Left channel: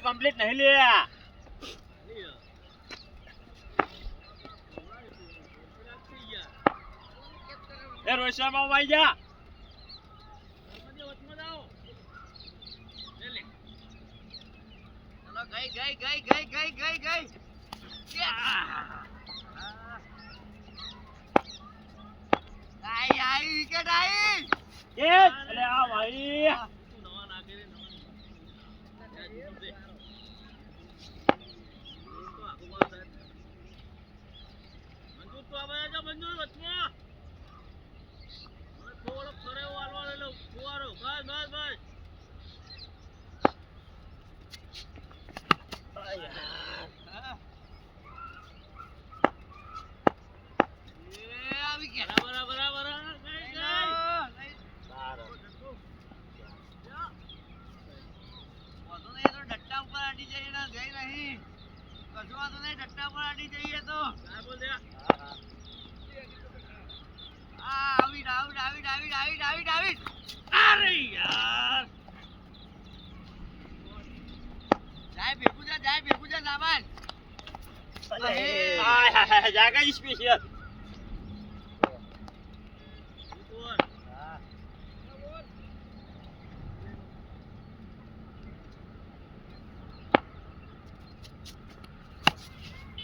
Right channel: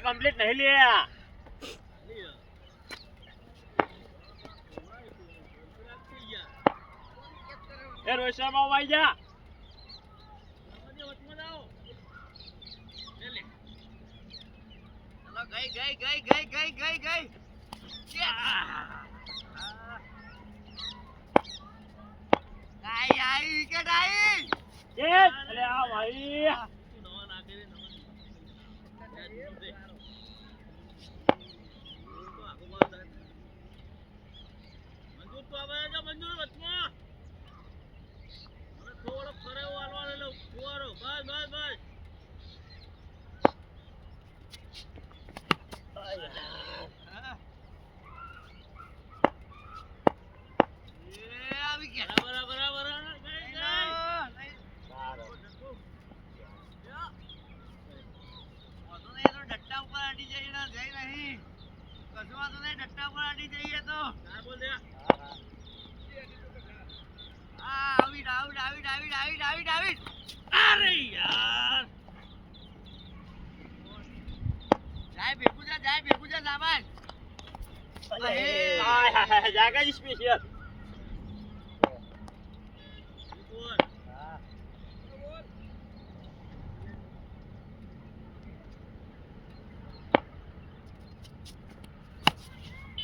Complete નહીં લે એ રોહિત શર્મા ભાઈ જા ચલો ગઈ આઈ વિકેટ આઈ એ અરે આ ભાઈ મંજૂર વચમાં હવે થોડો ફરે વાળવા લે લો ફુવારો બસ ડટ્ટા ઉપર આડી જઈએ ના જઈ નહીં કશું વાંધો નહીં ડટ્ટા ઉપર આડી જઈએ તો બોલ દે આઉટ અરે યાર જાય ભેગું જા સામાન જાગા સ્પેશિયલ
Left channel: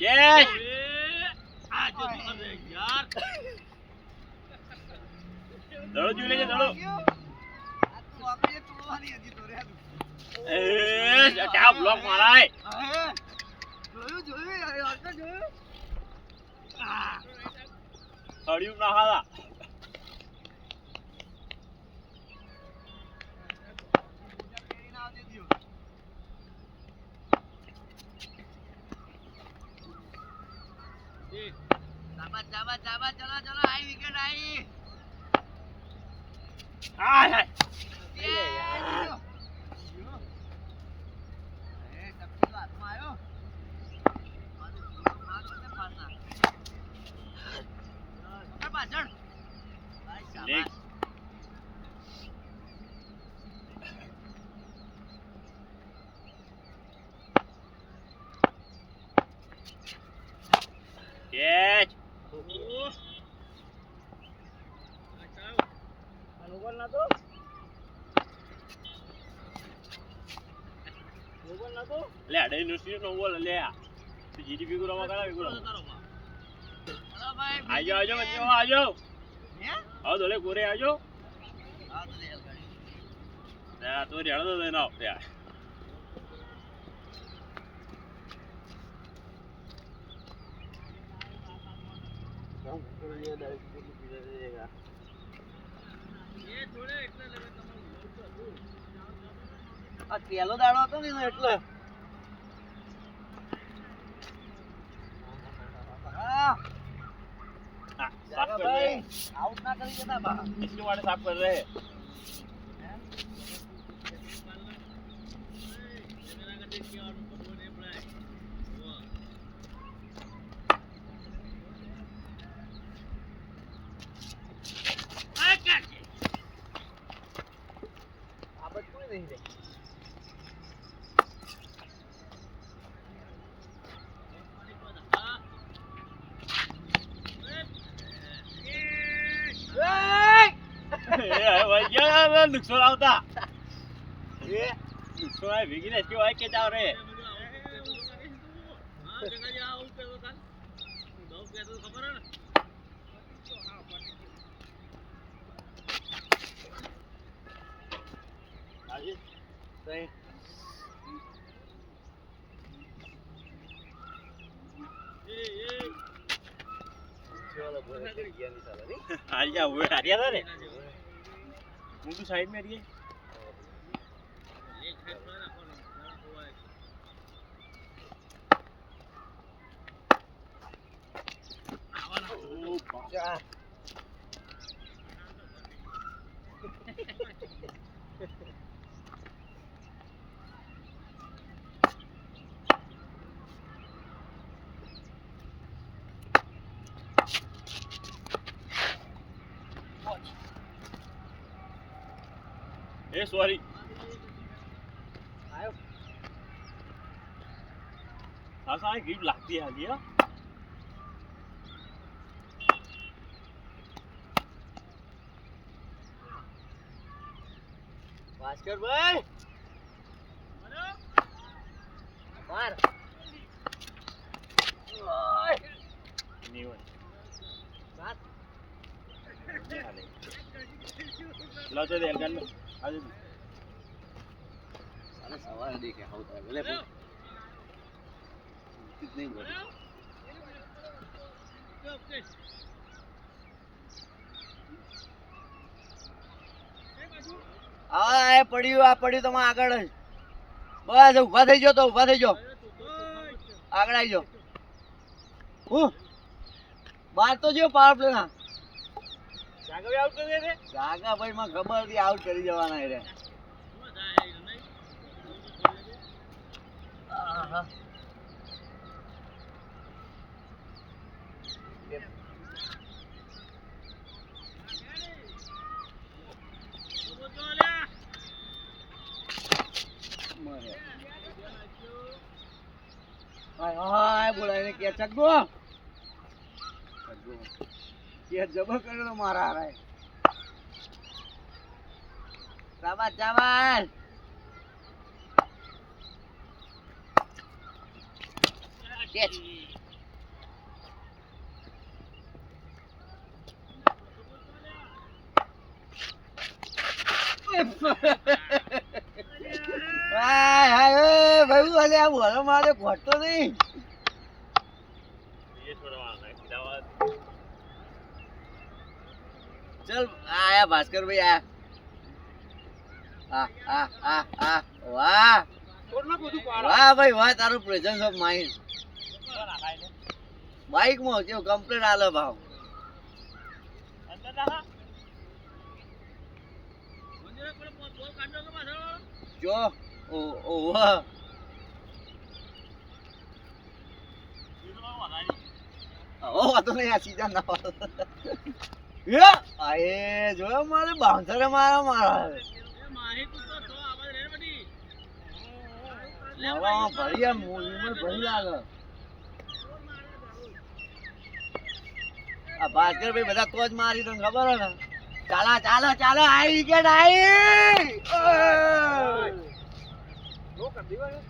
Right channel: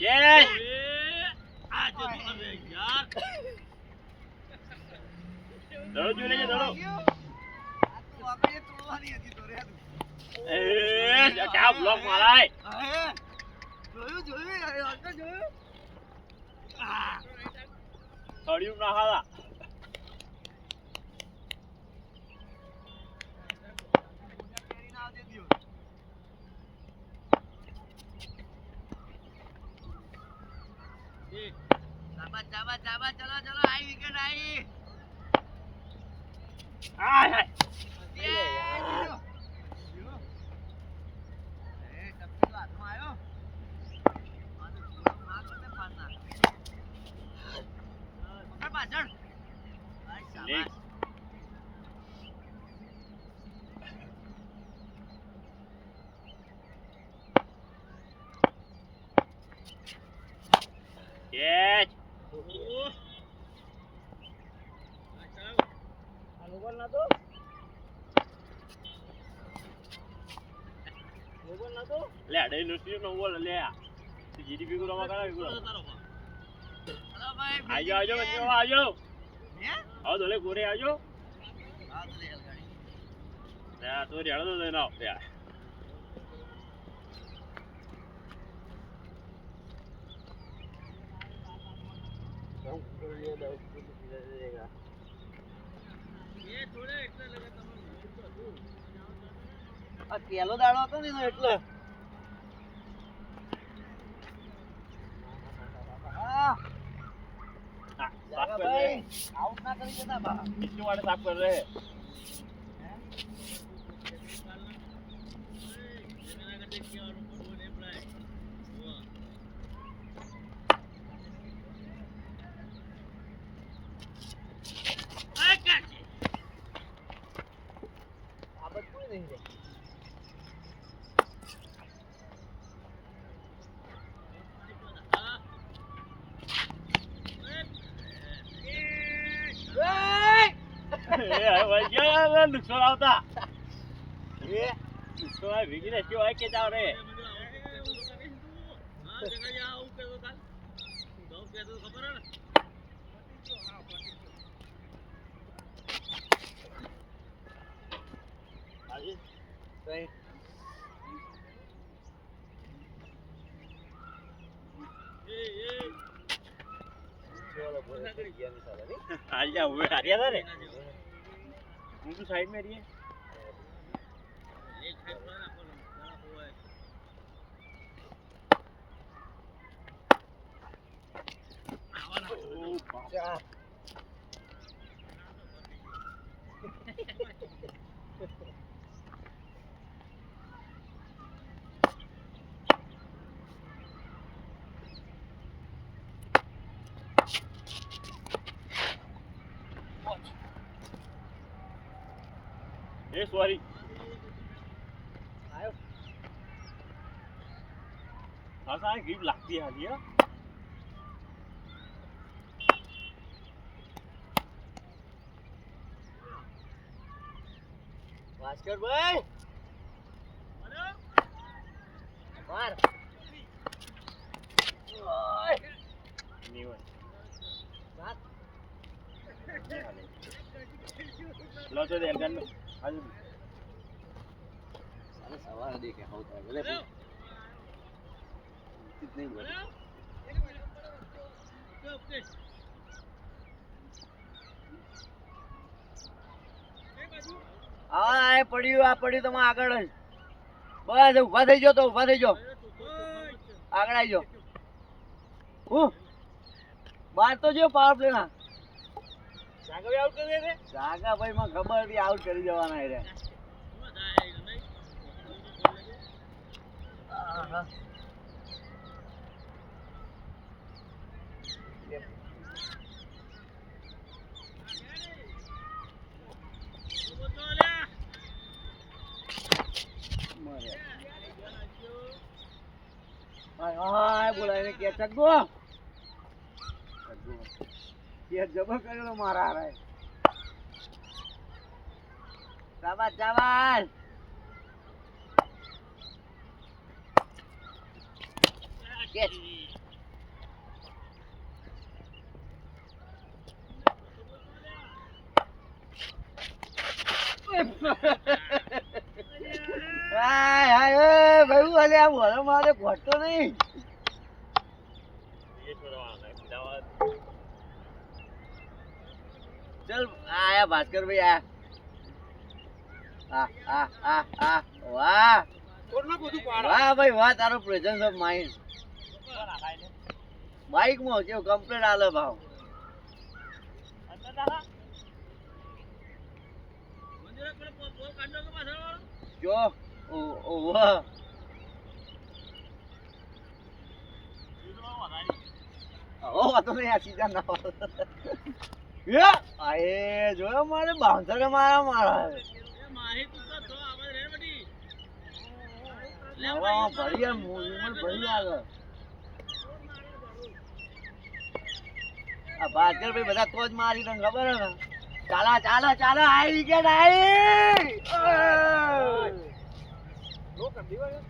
યસ દડો જોઈ લેજે દડો આ તો વાપરીએ તોડવાની હતી તો રે એ ક્યાં બ્લોક મારાય જોયું સળિયું ના હાલા જાબા ચલો આઈ વિકેટ આઈ આય પાછળ કેચ લે અડે નુસી નો બોલ લે તું જીડીપી ગુરો માં કરાવી ગુરો હેલો ભાઈ આજો બચ્ચો આજો હે આવો દોલે કોરે આજો હા તો રેલ ગાડી ના તો રેડો દો દેનો યાર આ પેલો દાડો હતો ને એટલે ભાઈ આઉટ ના કરી દેતા બા इसके वाले साफ कर रहे हैं આબત કોઈ નહીં રે भाई नुकसान होता ये नुकसान भीगी ने क्यों आए के जा रहे हां जगह जाओ पे तो काल दो के तो खबर है ना आजी सही चलो बोल गया नहीं साला नहीं आज जा हुए हरिया था रे मुंडू साइड में रहिए ए सॉरी आयो હા સાહેબ ગ્રીપ લાગતી હાલી હો ભાસ્કરભાઈ માર સવાર દેખે આવતા ભલે નહીં બોલે આ પડ્યું તમે આગળ જ બસ ઉભા થઈ જાઓ તો ઉભા થઈ જાઓ આગળ આવી જાઓ હું બાર તો જો પાવર પ્લે ના જાગા આઉટ કરી દે જાગા ભાઈ માં ખબર હતી આઉટ કરી જવાના રે હાય બોલાય કે ચગો કે જબર કરેલો મારા હારે શાબાશ શાબાશ કેચ હાય હાય એ ભાઈ અલે આ બોલો મારે ઘટતો નહીં ये थोड़ा वाला है चल आया भास्कर भाई आया वाह वाह भाई वाह तारो प्रेजेंस ऑफ माइंड बाइक में केव कंप्लीट आले भाव जो ओ वाह ઓ વાતો નહીં આ સીધા ના એ આએ જોયો મારે બાઉન્સરે મારા મારી તું તો આવાજ રે બડી લેવા ભરિયા મૂવી ભરી લાગે આ ભાસ્કર ભાઈ બધા તો જ મારી તને ખબર હે ને ચાલા ચાલો ચાલો આઈ વિકેટ આઈ લો કર દીવા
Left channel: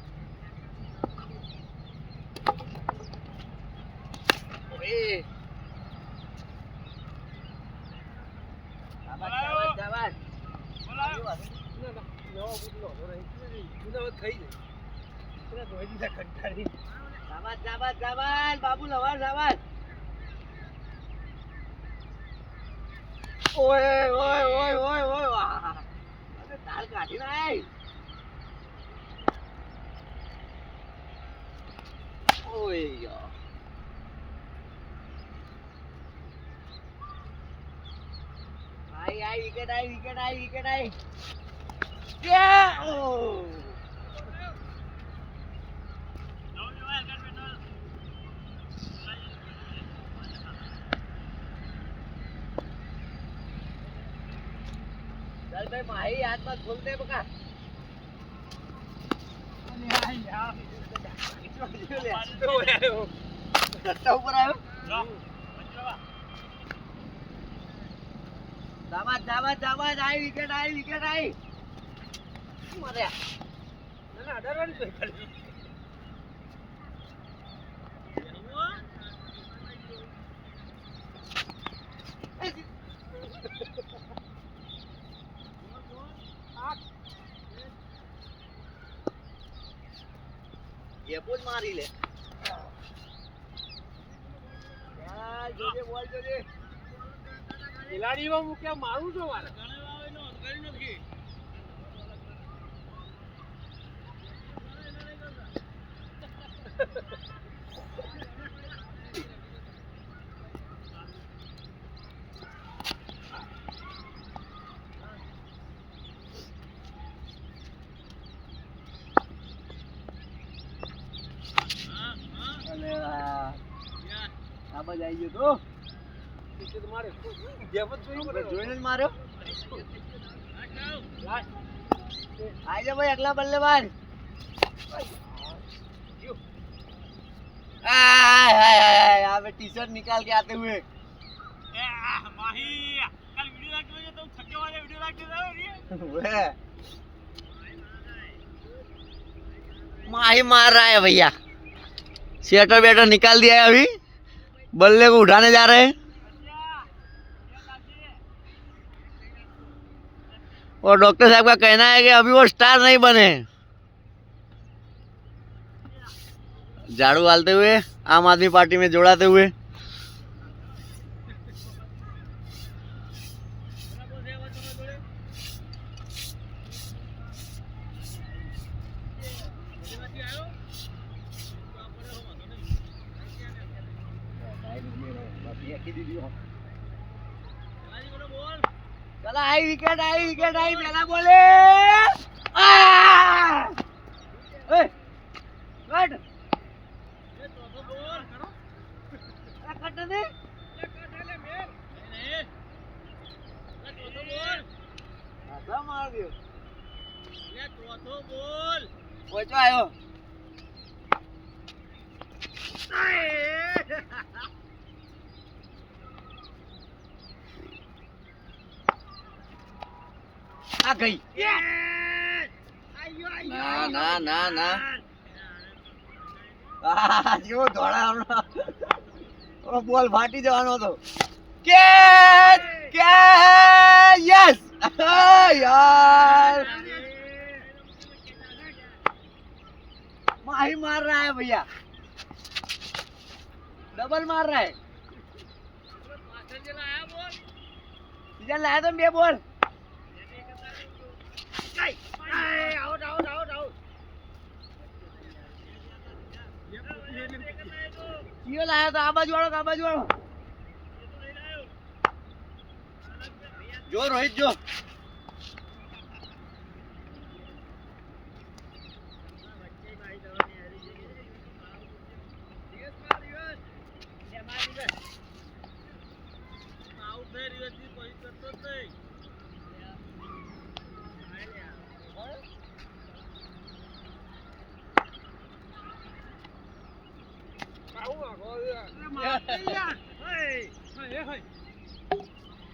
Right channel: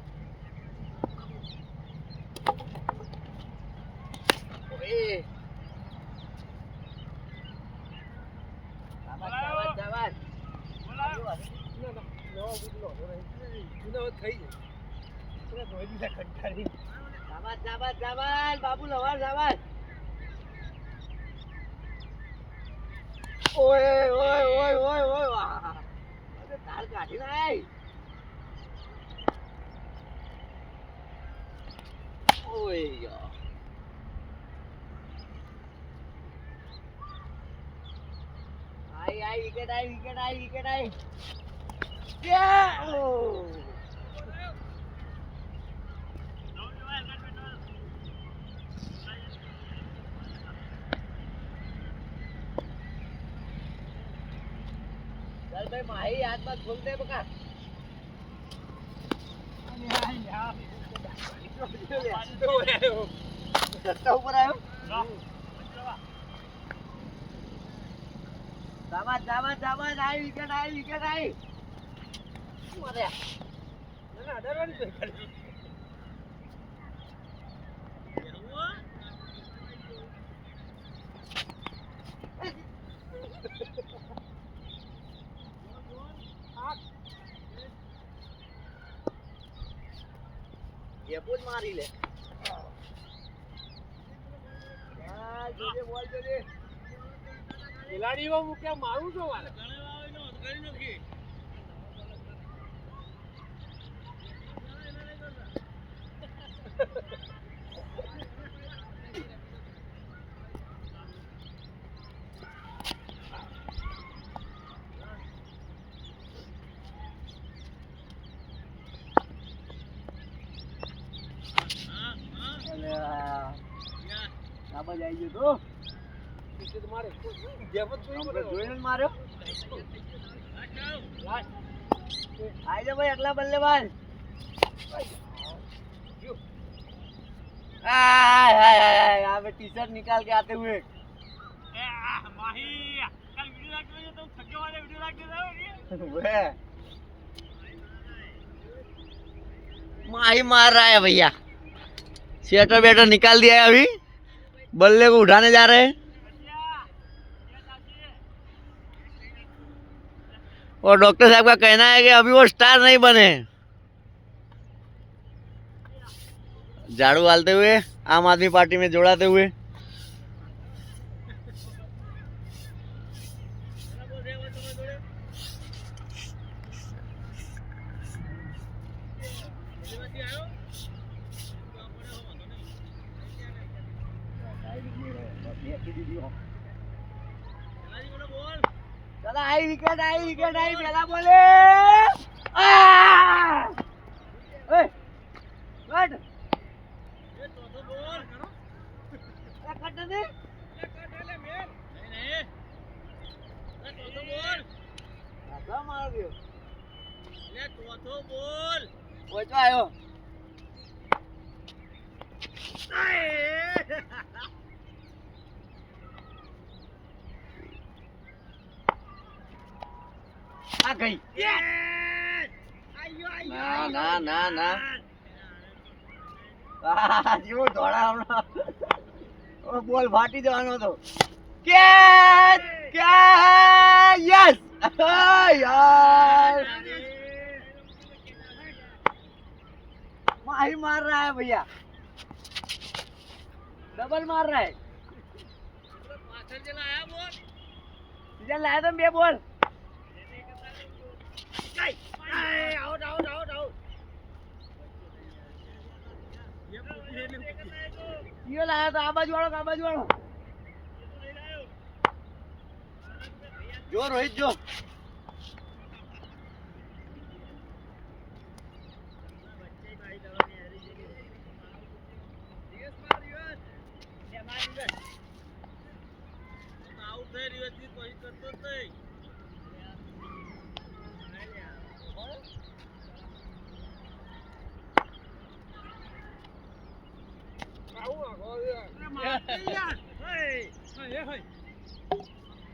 શાબાશ શાબાશ શાબાશ બાબુ લવા શાબાશ ઓય ઓય ઓય ઓય ઓય વાહ અરે તાલ કાઢી નાય ઓય યાર आई विकेट आई क्या ओ चल भाई माही हाथ मत खोल दे बका अरे यार ऊपर आयो शाबाश आई विकेट आई मारे ना 18 रन पे खाली ये बोल मारी ले यार जोजे बोल जोजे ખિલાડીમાં હું ક્યાં મારું છું મારે આબાજ આવી ગયો તો મારે જેવત જોઈને માર્યો આઈ જા ભાઈ અગલા બલ્લેબાજ आय हाय हाय अबे टी शर्ट निकाल के आते हुए माही कल वीडियो लाइक करोगे तो छक्के वाले वीडियो लाइक दे दो वे माही मार रहा है भैया स्वेटर वेटर निकाल दिया है अभी बल्ले को उठाने जा रहे हैं और डॉक्टर साहब का कहना है कि अभी वो स्टार नहीं बने झाड़ू डालते हुए आम आदमी पार्टी में जोड़ाते हुए चला आई विकेट आई पहला बोले कट कट दे मार दियो पहुंचो आयो आ गई ना ना ना ना જો ધોળા હમણાં બોલ ફાટી જવાનો હતો કેચ કેચ યસ यार माही मार रहा है भैया डबल मार रहा है सीजन लाया तुम बे बोल आउट आउट आउट आउट क्यों लाया था आबाज वालों जो रोहित जो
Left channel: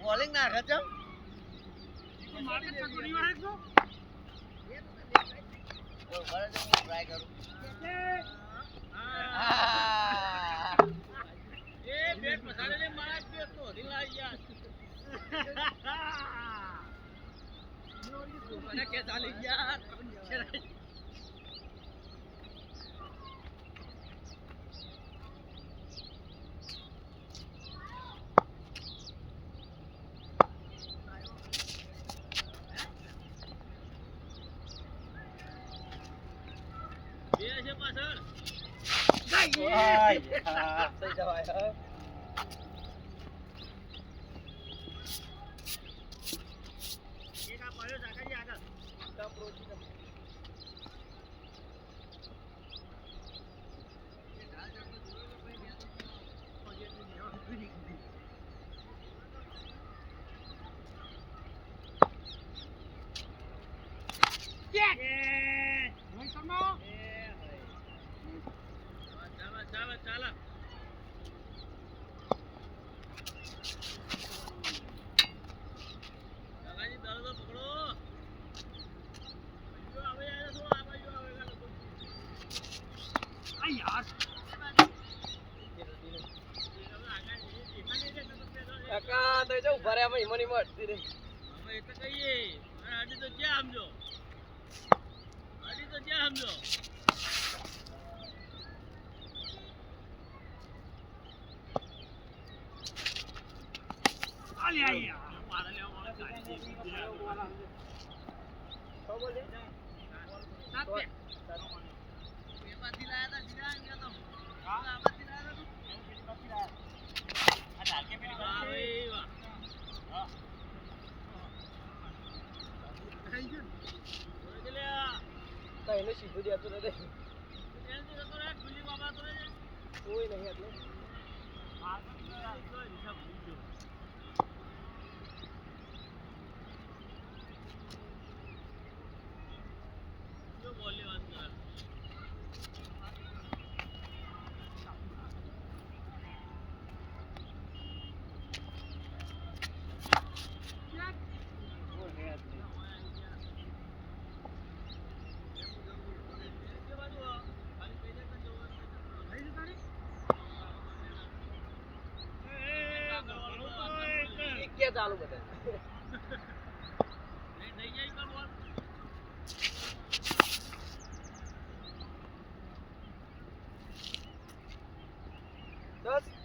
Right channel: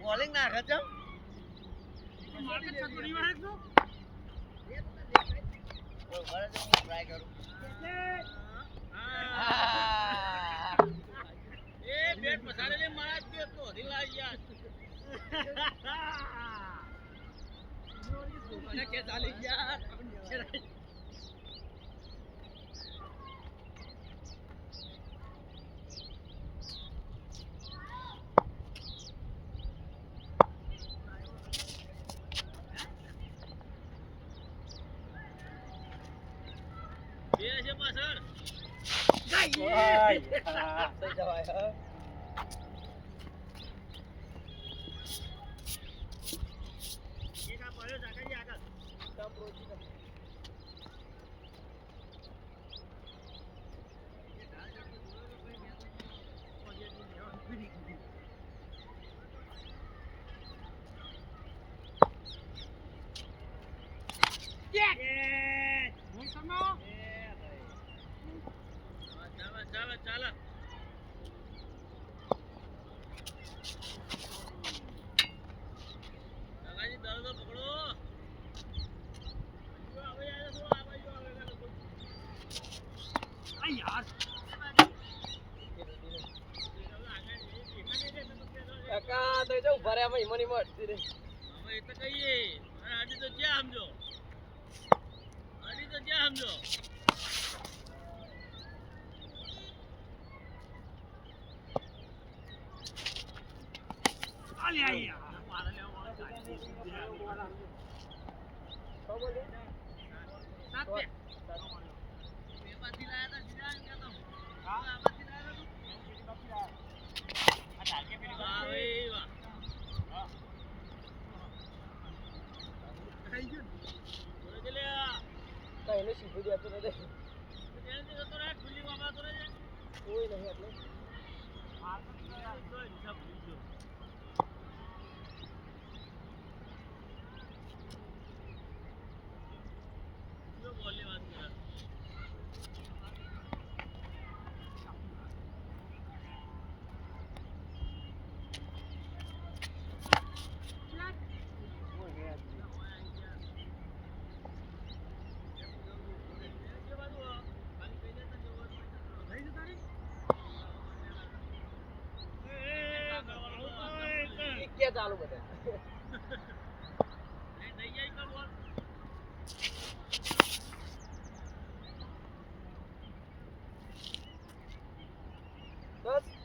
बॉलिंग ना खत्म ट्राई करूं બેટ મસાલે માર દે તો ઢીલા યાર મને કે ચાલી યાર બે છે પાછળ ગાઈ થઈ જવાય यार કાકા તો જો ભરે અમે મની મળતી રે હવે એ તો કહીએ આડી તો જ્યાં સમજો આલે આયા તો બોલે સાત બે એને સીધું જતું રહે કોઈ નહીં એટલે બોલની વાત કરે ચાલુ બતાવે નહીં જાય તો બોલ. દસ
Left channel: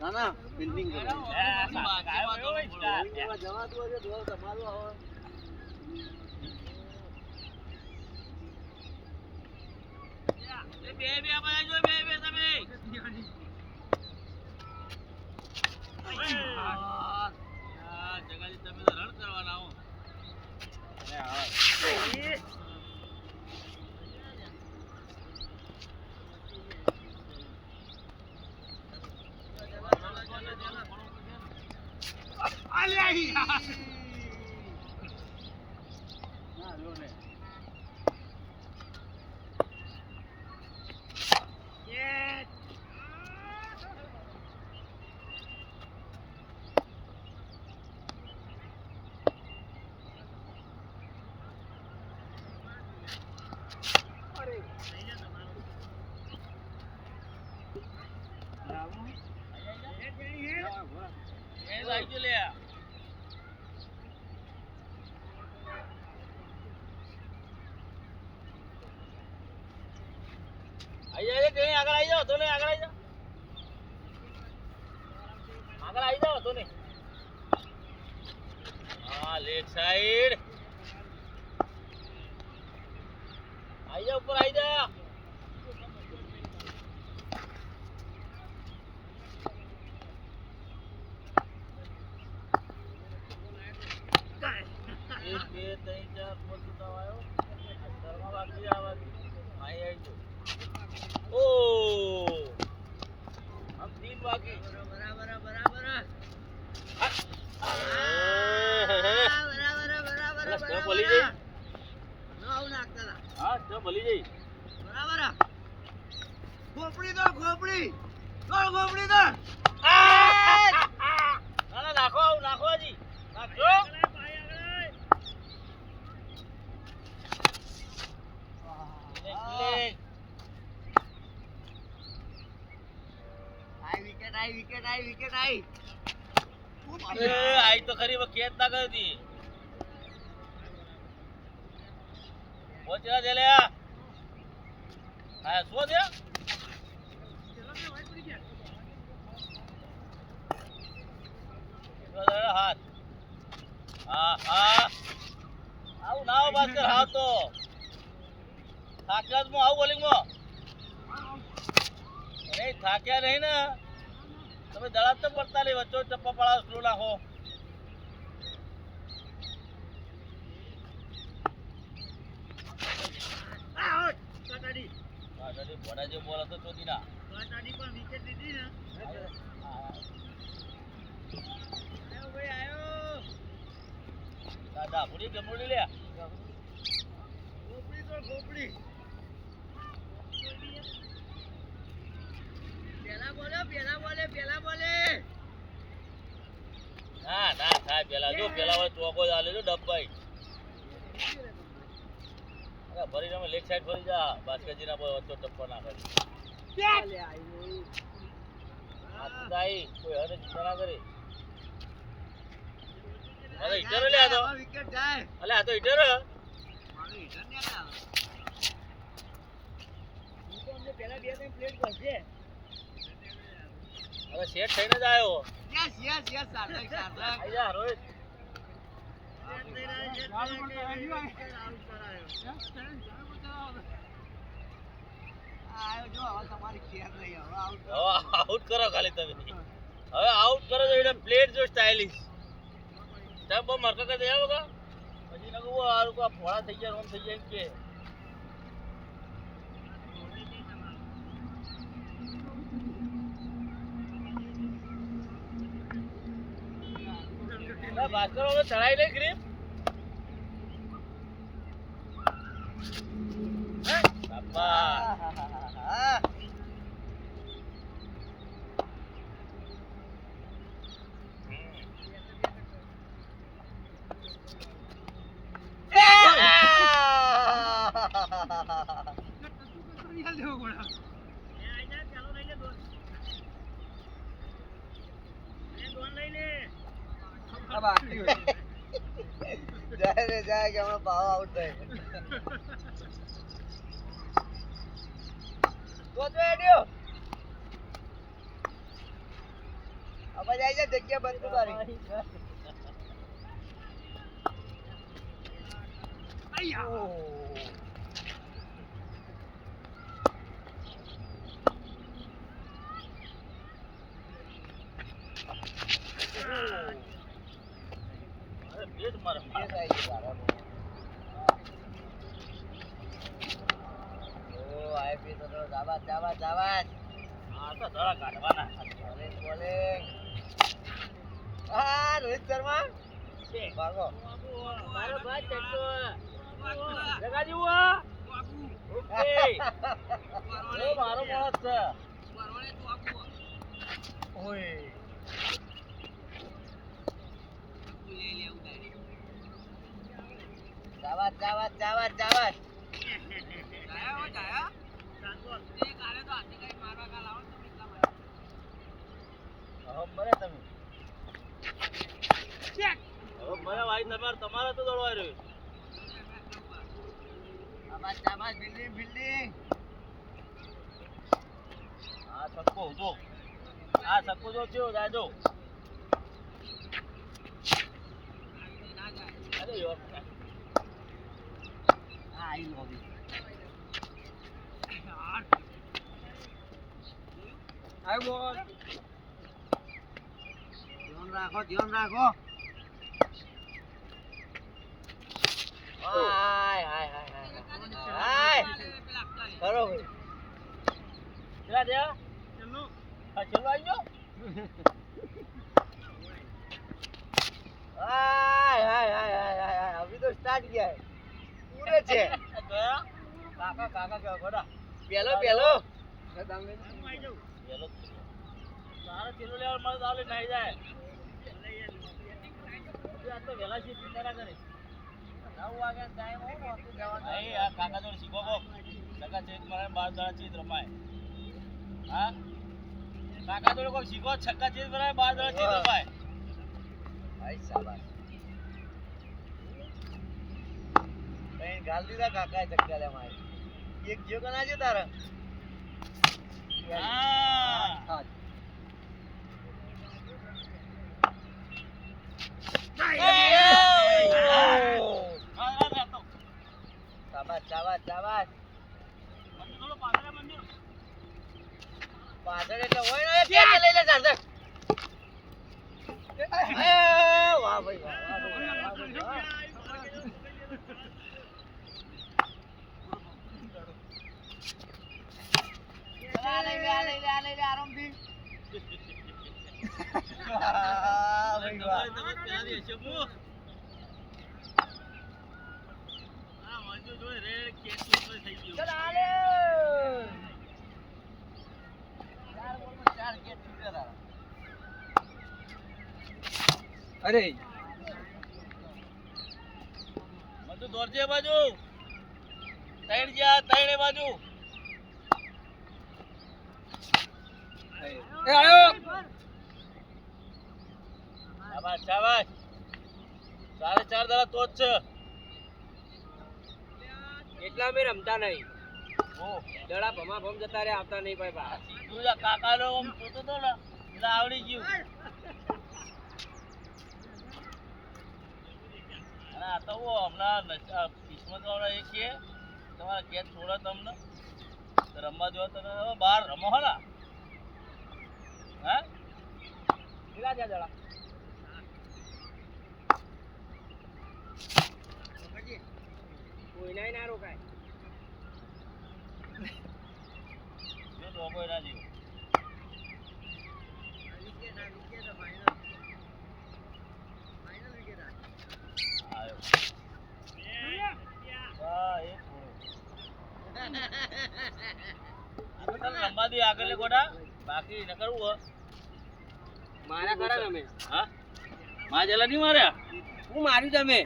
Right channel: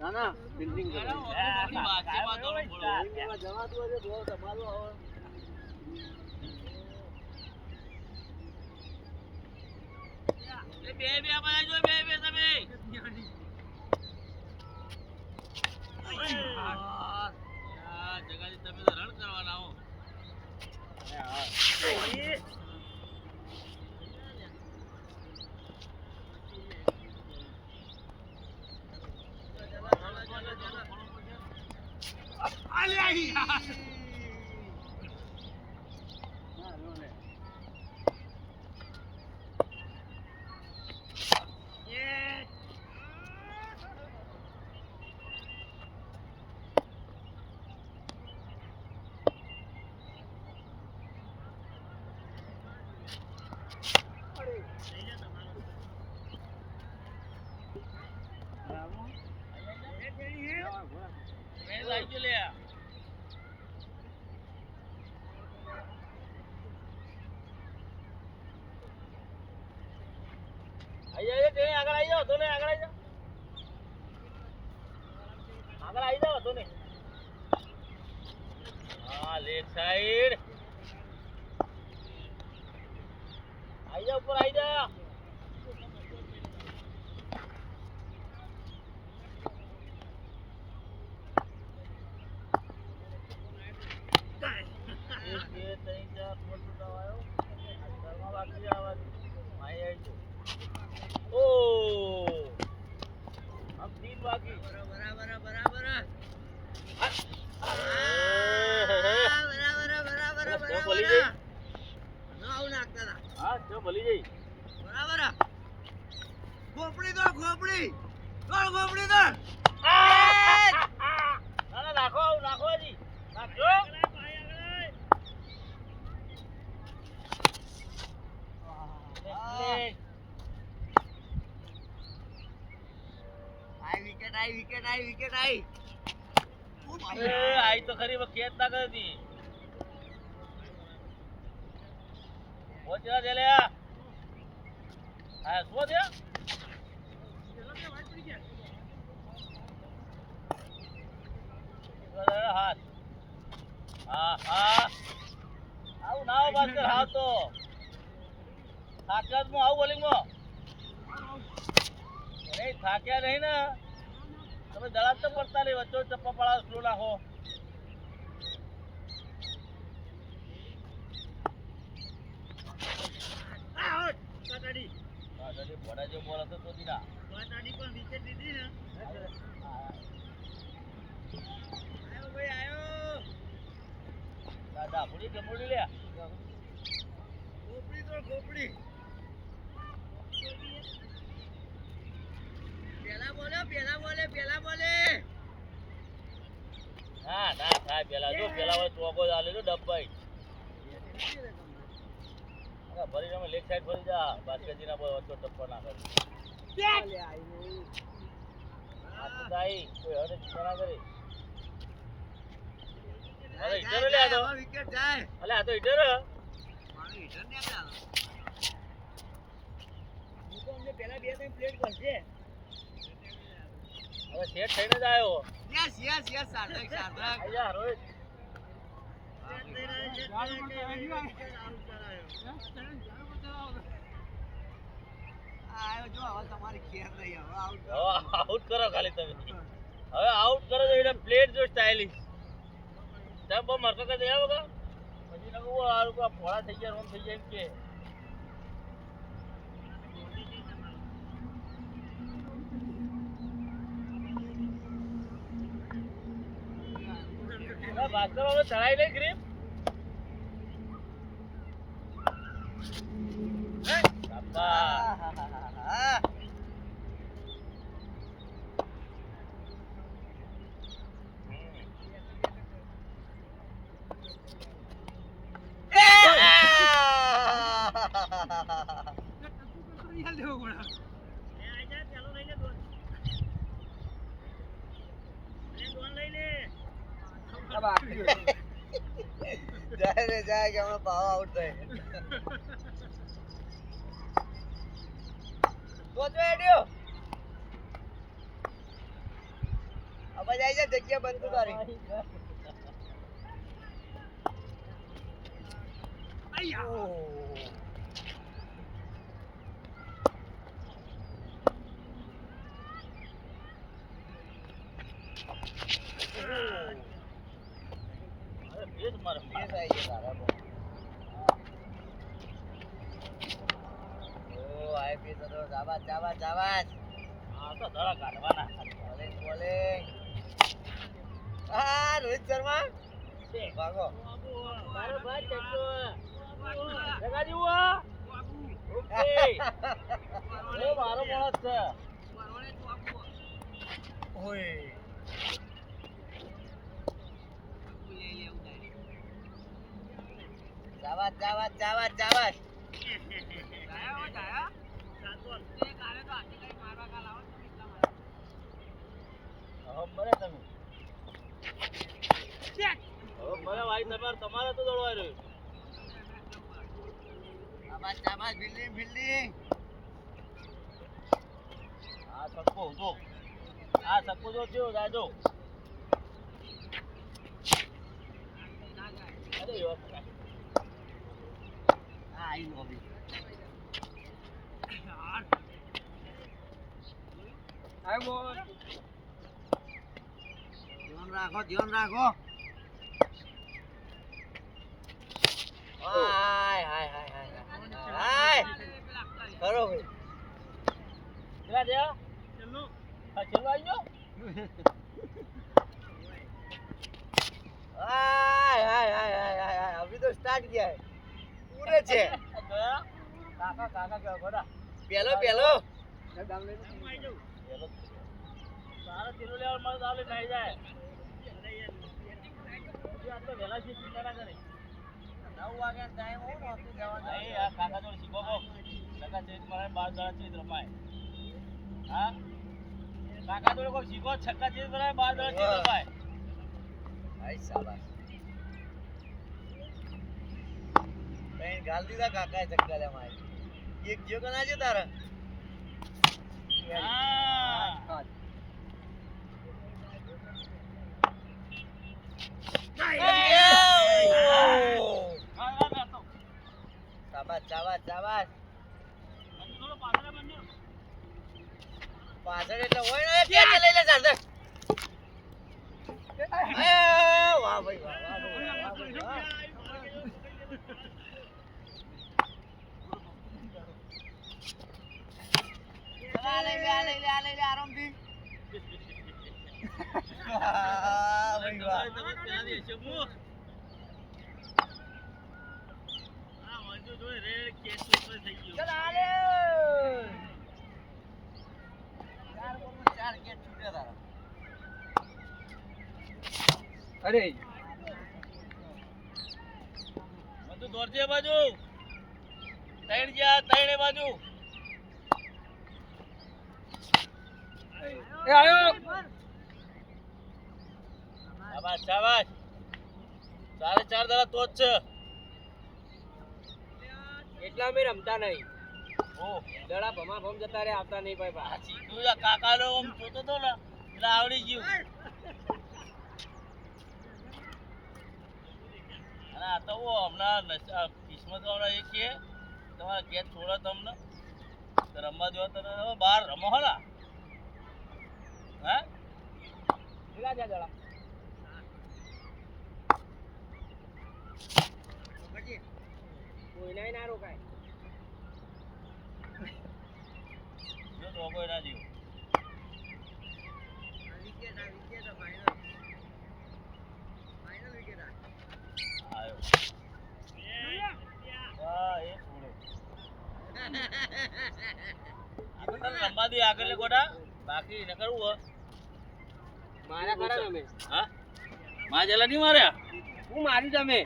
ના ના બિલ્ડિંગ જવાતું હશે તો તમારું આવે બે બનાવજો બે તમે જગાજી તમે તો રન કરવાના હો લેગ સાઈડ આઈ જા ઉપર આઈ જા આઈ તો ખરી ખેત ના કરી પહોંચવા દે લે હા શું થયા હાથ હા હા આવું ના આવો બાસ્કર હા તો થાક્યા હું આવું બોલિંગ માં નહીં થાક્યા નહીં ને તમે દળાત તો પડતા નહીં વચ્ચો ચપ્પા પડાવ સ્લો નાખો બોલ હતો ચોથી ના પણ વિકેટ લીધી ને દાદા પૂરી ગમોડી લે ખોપડી તો ખોપડી પેલા બોલે હા ના થાય પેલા જો પેલા હોય ચોકો ચાલે જો ડબ્બાઈ અરે ભરી તમે લેગ સાઈડ ફરી જા બાસ્કેટજી ના બોલ વચ્ચો ટપ્પો ના કરી ચાલે આઈ આ તો ગાઈ કોઈ હરે ચના કરી અરે ઈટર લે આ તો વિકેટ જાય અલે આ તો ઈટર ઈટર ને આ હું તો અમને પેલા બે ટાઈમ પ્લેટ કરશે હવે સેટ થઈને જ આવ્યો યસ સાધક આયા રોહિત સેટ થઈ રહ્યા છે આઉટ કરાયો હવે આઉટ કરો ખાલી તમે. હવે આઉટ કરો તો એટલે પ્લેટ જો સ્ટાઇલિશ. સ્ટેપ બમ મારકા કે દેવા વગા. પછી નકો આ લોકો ફોડા થઈ ગયા રોમ થઈ જાય કે. बात करो वो चढ़ाई ले ग्रिप જાય રે જાય કે હમણાં પાવ આઉટ થાય પોચો એડ્યો હવે જાય છે જગ્યા બંધ કરી આયા पेट मार पेट आई है सारा ओ आए पे तो जाबाज जाबाज जाबाज हां तो धड़ा काटवाना बोलिंग बोलिंग रोहित शर्मा भागो मारो भाई चक्को जगह जुआ ओके ओ मारो मस्त ओए जावाज जावाज जावाज जावाज મરે તમે મરે વાઈ નંબર તમારે તો દોડવા રહ્યો જાવાજ જાવાજ બિલ્ડિંગ બિલ્ડિંગ આ સક્કો જો આ સક્કો જો થયો જાજો અરે યો आई लो भी आई बोल ध्यान रखो हाय हाय हाय हाय करो भाई चला दे चलो हां चलो आइयो हाय हाय हाय हाय अभी तो स्टार्ट किया है पूरे छे काका काका क्या बड़ा पेलो पेलो आई जाओ पेलो सारा किलो ले और मत डाले नहीं जाए अरे यार तो वेला सी चिंता करे 9 वागे टाइम हो तो जावा नहीं यार काका तो सीखो को काका चेक मारे 12 दाड़ा चीज रमाए हां काका तो को सीखो छक्का चीज बनाए 12 दाड़ा चीज रमाए आई शाबाश मैं गाल दीदा काका चक्कर है माय एक जियो कना जे तारा हां शाबाश शाबाश शाबाश પાછળ એટલે હોય ને કે લઈ લે ચાલ વાહ ભાઈ લઈ લે આરામથી ભાઈ વાહ અરે મધુ દોરજે બાજુ ત્રણ જા ત્રણે બાજુ એ આયો શાબાશ શાબાશ 4 દાડા તો જ છે એટલા મે રમતા નહીં ઓ દડા ભમા ભમ જતા રે આવતા નહીં ભાઈ બા સીધું જા કાકા નો આમ જોતો તો ને એટલે આવડી ગયું અને આ તો હમણાં કિસ્મત વાળા એ કે તમારા ગેસ છોડો તમને રમવા જો તને હવે બહાર રમો હો ને હા કેટલા થયા જણા કોઈનાય ના રોકાય જો તો કોઈ ના જીવ રમવા દે આગળ ગોડા બાકી ન કરવું હો મારા ખરા તમે હા માં જેલા નહીં માર્યા હું માર્યું તમે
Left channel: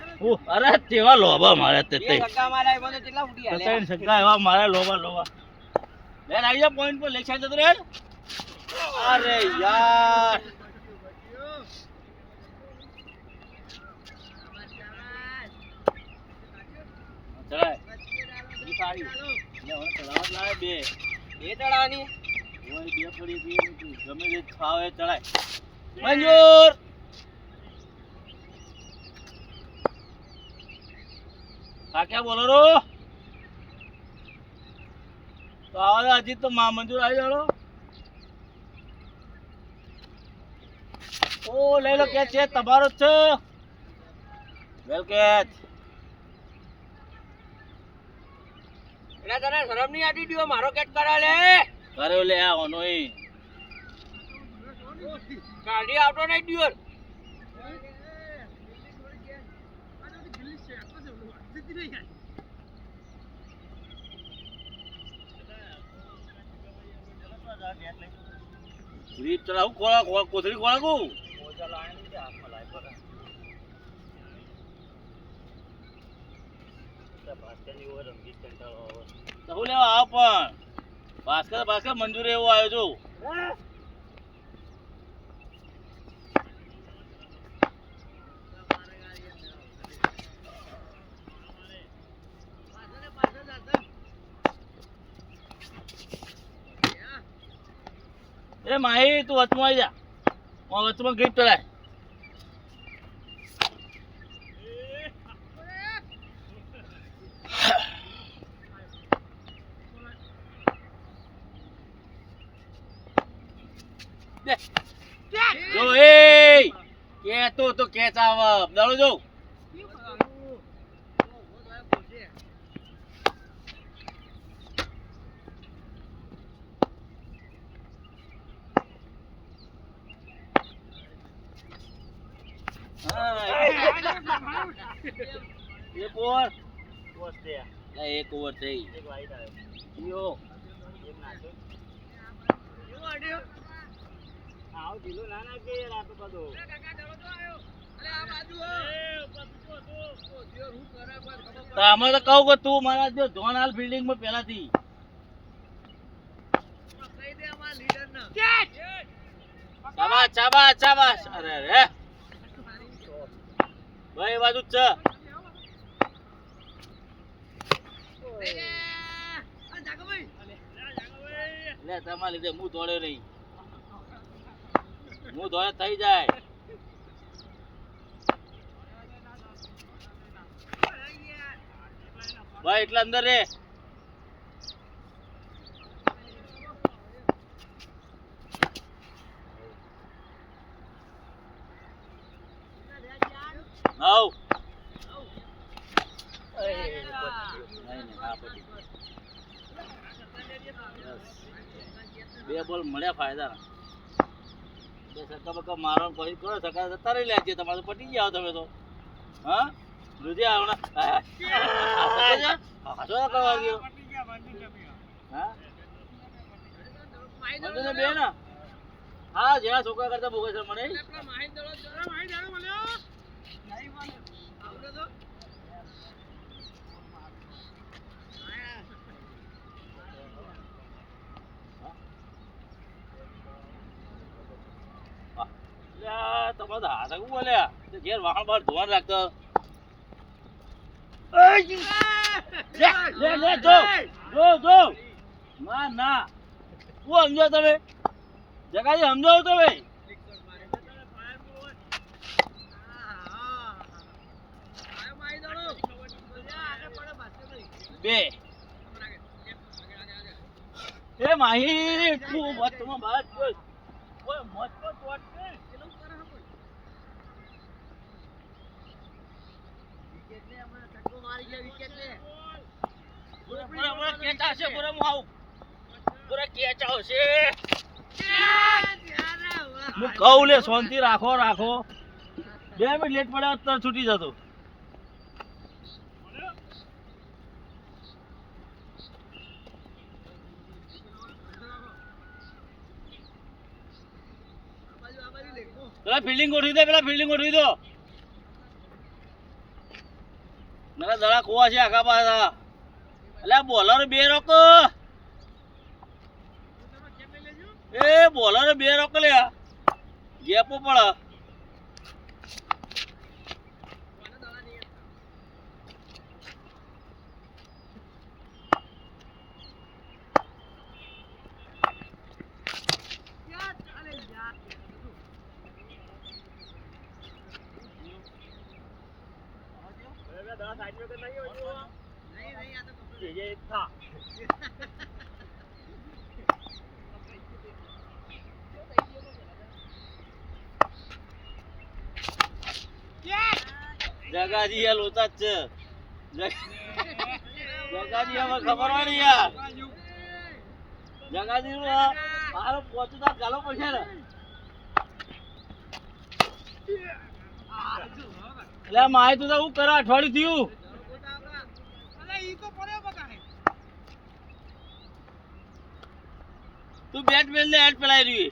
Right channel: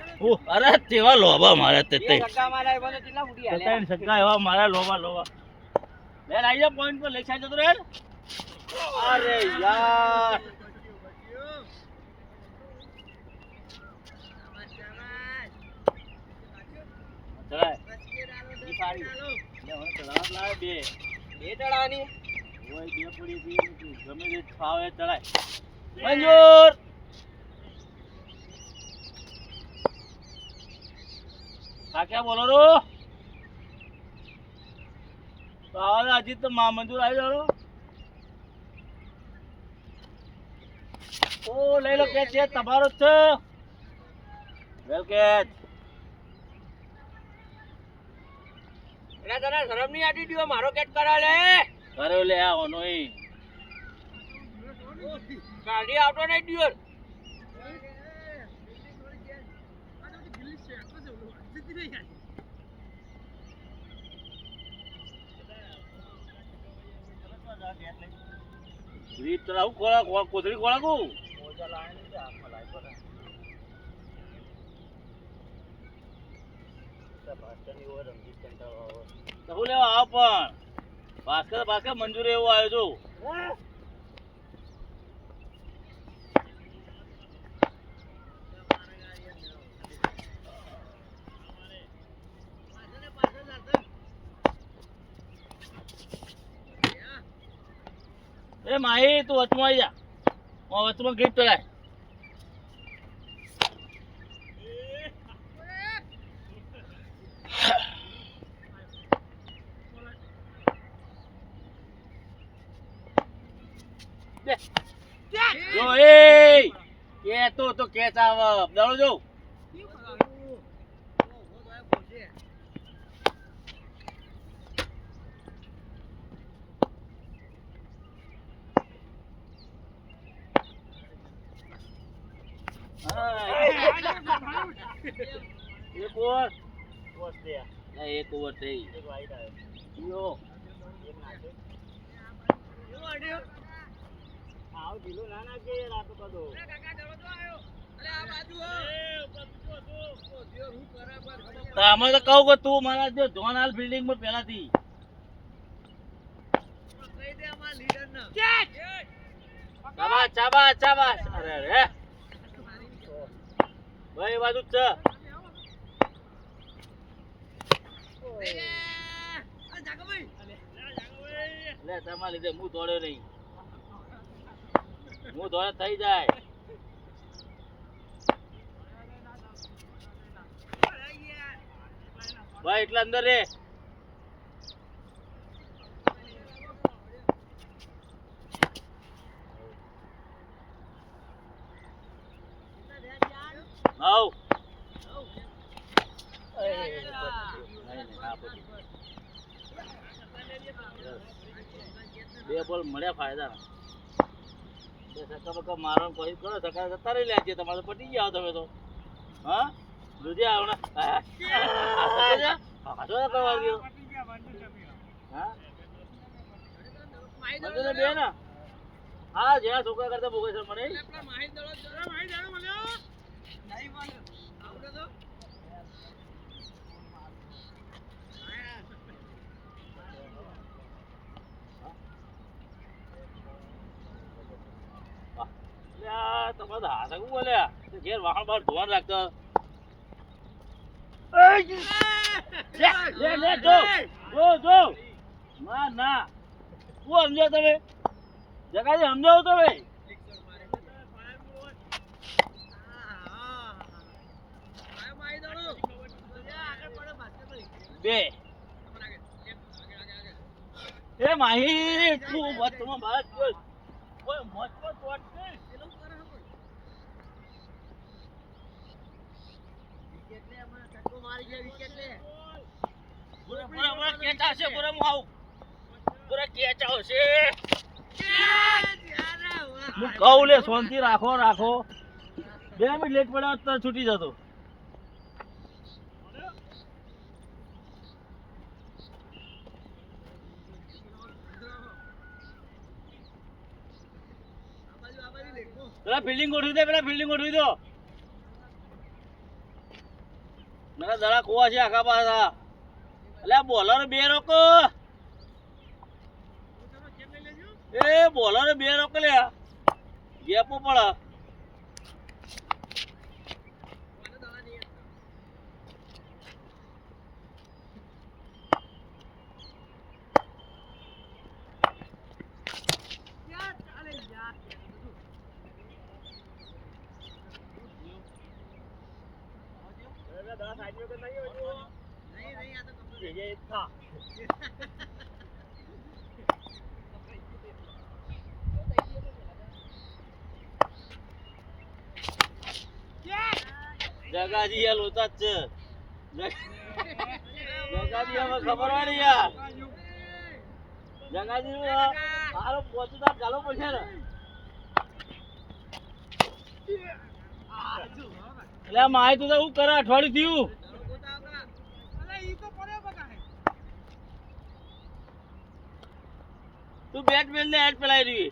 અરે તેવા લોબા મારે તે બે સક્કા માર્યા એમાં તો કેટલા ફૂટી હાલે ત્રણ સક્કા એવા મારે લોબા લોબા લે આવી જા પોઈન્ટ પર લેખા જતો રે અરે યાર ચલાય ઈ પાડી લે હવે ચલાવત લાવે બે બે ચડાવવાની ઓય બે પડી બે તું ગમે તે ખાવે ચલાય મંજૂર કાક્યા બોલો રો તો આવા અજીત તો મંજૂર આવી જાડો ઓ લઈ લો કેચ છે તમારો જ છે વેલ કેચ એના તને શરમ નહીં આટી દીધો મારો કેચ કરા લે કર્યો લે આ ઓનો ઈ કાઢી આવતો નહીં દિયોર રીત ચલાવ કોળા કોથળી કોળા કો હું લેવા આવ પણ ભાસ્કર મંજૂર એવો આવ્યો છું એ માહી તું વચમાં આવી જા વચમાં ગ્રીપ ચલાય જો એ કે તો કેચ આવ દાડો જો એક ઓવર એક ઓવર થઈ યો આવ ઢીલો ના નાખજો યાર આ તો બધો અરે આ બાજુ તો અમે તો કહું કે તું મારા જો જોન હાલ ફિલ્ડિંગ માં પહેલાથી કહી દે અમાર લીડર ને શાબાશ શાબાશ અરે રે ભાઈ બાજુ જ છે લે તમારા લીધે હું દોડ્યો નહીં હું દોડે થઈ જાય ભાઈ એટલે અંદર રે બે બોલ મળ્યા ફાયદા બે સક્કા બક્કા મારો પછી કરો સક્કા જતા રહી લે તમારે તો પટી ગયા તમે તો હા લુજે આવના બે ને હા જેના છોકરા કરતા બોગસ મળે તમારે હાથ બોલ્યા ઘેર વાહણ બાર ધોવાનું રાખતો ના શું સમજો તમે જગાજી સમજાવો તમે બે એ માહી તું મતમાં બાદ જોઈ ઓય મત પર તોડ છે એનું કરે હે કોઈ વિકેટ લે હમણાં છક્કો મારી ગયા વિકેટ લે પૂરા કેચ આવશે પૂરા હું આવું પૂરા કેચ આવશે હું કહું લે શાંતિ રાખો 2 મિનિટ લેટ પડ્યા તો છૂટી જતો પેલા ફિલ્ડિંગ ગોઠવી દો નકા દડા ખોવા છે આખા પાછા એટલે બોલર 2 રોકો એ બોલર 2 રોકો લે ગેપો પડે જગાજી યાર લોતા જ છે જગાજી હવે ખબર હોય ને યાર જગાજી મારો પોતું તાર ચાલો પડશે ને એટલે માય તું તો હું કરે અઠવાડિયું થયું તું બેટ મેલ ને હેડ પેલાઈ રહી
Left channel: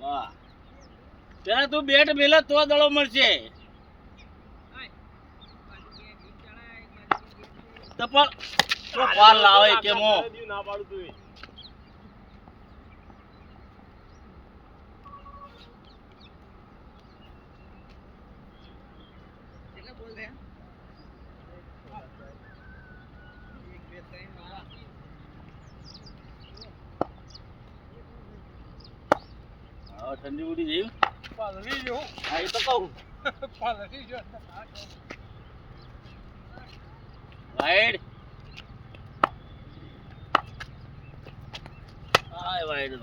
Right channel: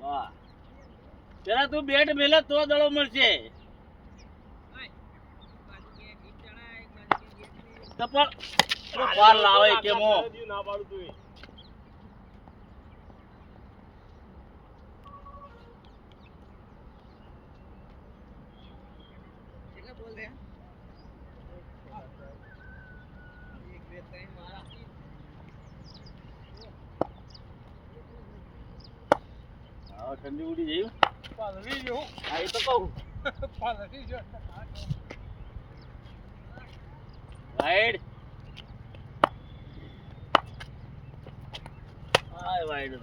વાહ પેલા તું બેટ મેલે તો દડો મળશે તો પણ પાર લાવે કે મો ના પાડું તું કેટલા બોલ રહ્યા 1 2 3 મારા હા ઠંડી ઉડી જઈ પાલવી જો હા એ તો કહું પાલવી જો વાઈડ હાય વાઈડ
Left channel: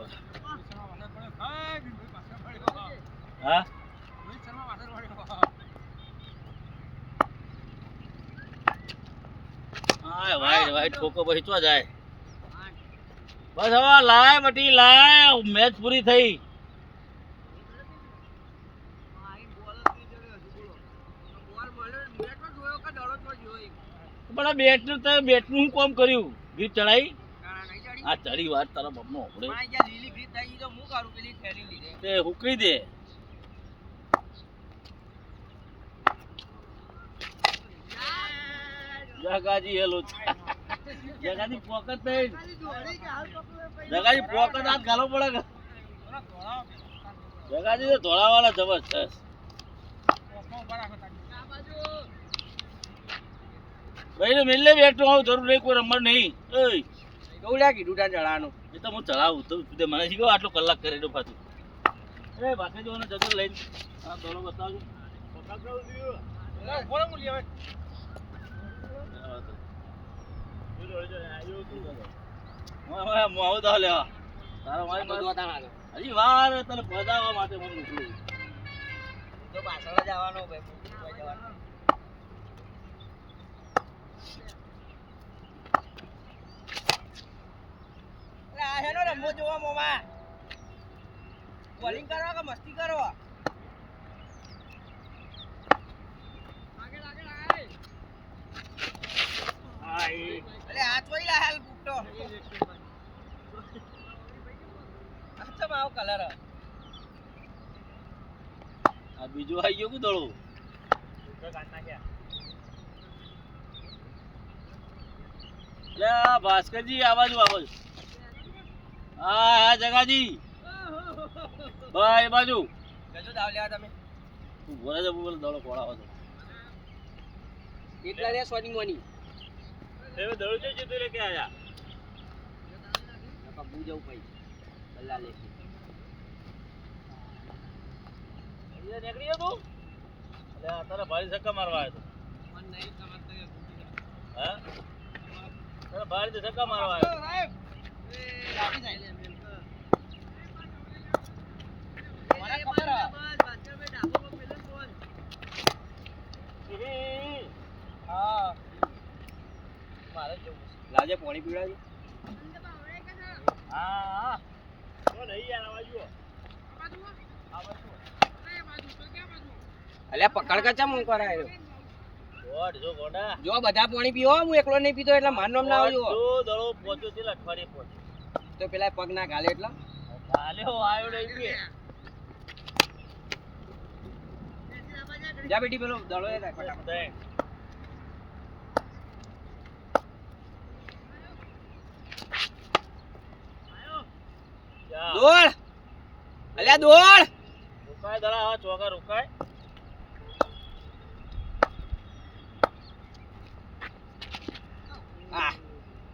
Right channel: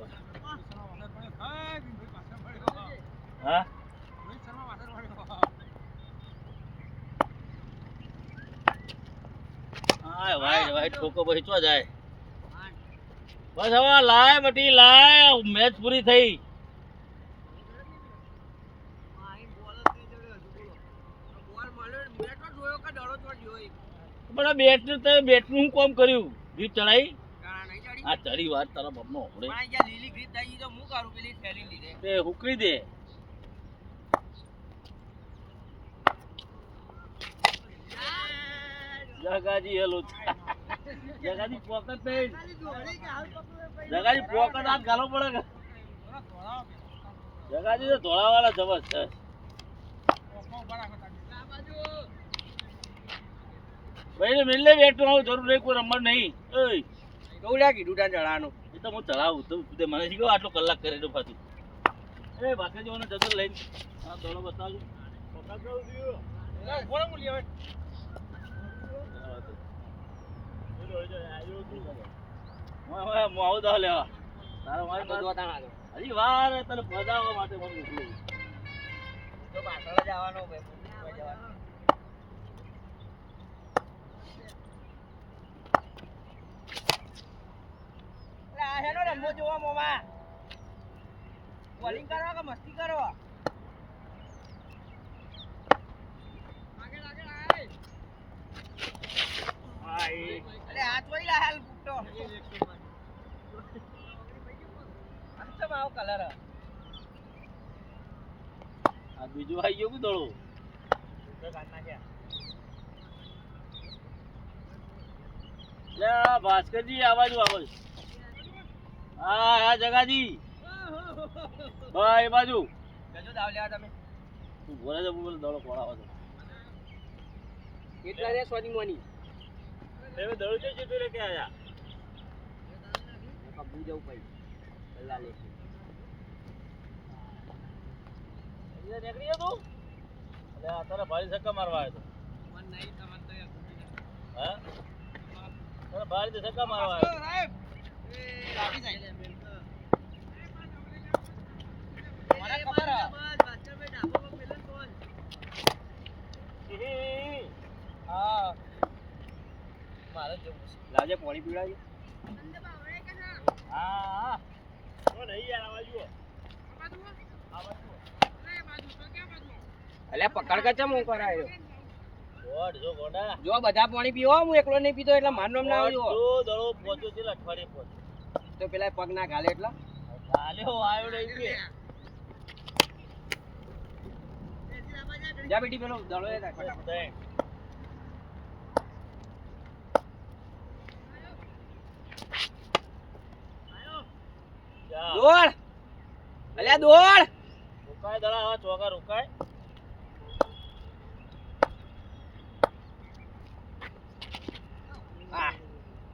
હા હાય વાઈડ ઠોકો પછી ચો જાય બસ હવે લાય બટી લાય મેચ પૂરી થઈ પણ આ બેટ નું કોમ કર્યું ગીત ચડાઈ આ ચડી વાત તારા બપનો આપણે તે હુકરી દે જગાજી હેલો જગાજી પોકટ થઈ જગાજી પોકટ હાથ ગાલો પડે જગાજી તો ધોળાવાળા જબરજસ્ત ભાઈ ને મિલને બેઠો હું જરૂર નહીં કોઈ રમવા નહીં ઓય કૌડા કીધું તા જળાનું એ તો હું ચલાવું તો તે મને શીખો આટલો કલાક કરે તો પાછું એ બાકી જોને જતો લઈને આ દોડો બતાવજો પકડાવ દીયો એ બોલ હું લેવા આવું તો લેવા તારો મારી હજી વાર તને પધાવવા માટે હું મોકલું તો પાછળ જવાનો ભાઈ હેલો રમવો જોવા મોમા બોલિંગ કરો કે મસ્તી કરો આગળ આય અરે હાથ વઈ લા હાલ બુટ્ટો આછો માવો કલર આ બીજું આવી ગયું કે દોડો કાઢ નાખ્યા લે ભાસ્કરજી આવાજ હા હા જગાજી ભાઈ એ બાજુ જજો દાવ લેવા તમે બોલે છે બોલે દોડો ખોળાવો છે કેટલા રે સોની મોની તમે દોડો છે જતો રે કે આયા કાબુ જાવ ભાઈ અલ્લા લે નીકળી ગયો તું અલે તારા ભાઈ ધક્કા મારવા આવ્યો તો મન નહીં ખબર તો હા ચાલો બહાર થી ધક્કા મારવા આવ્યો. લાવજે પાણી પીવડાવજે. હા તો નહીં યાર આવા જુઓ. અલ્યા પકડ કે ચમ હું કરાયો. ગોડ જો ગોડા. જો બધા પાણી પીવો, હું એકલો નહીં પીતો એટલે માર નામ ના આવજો. જો દડો પહોંચ્યો છે અઠવાડિયે પહોંચ્યો. તો પેલા પગ ના ગાલે એટલે ગાલ્યો આવ્યો નહીં કે. જા બેટી પેલો દડો એ રાખ ફટાફટ. તઈ. જા. દોડ અલ્યા દોડ. રોકાય દડા હવે ચોગા રોકાય.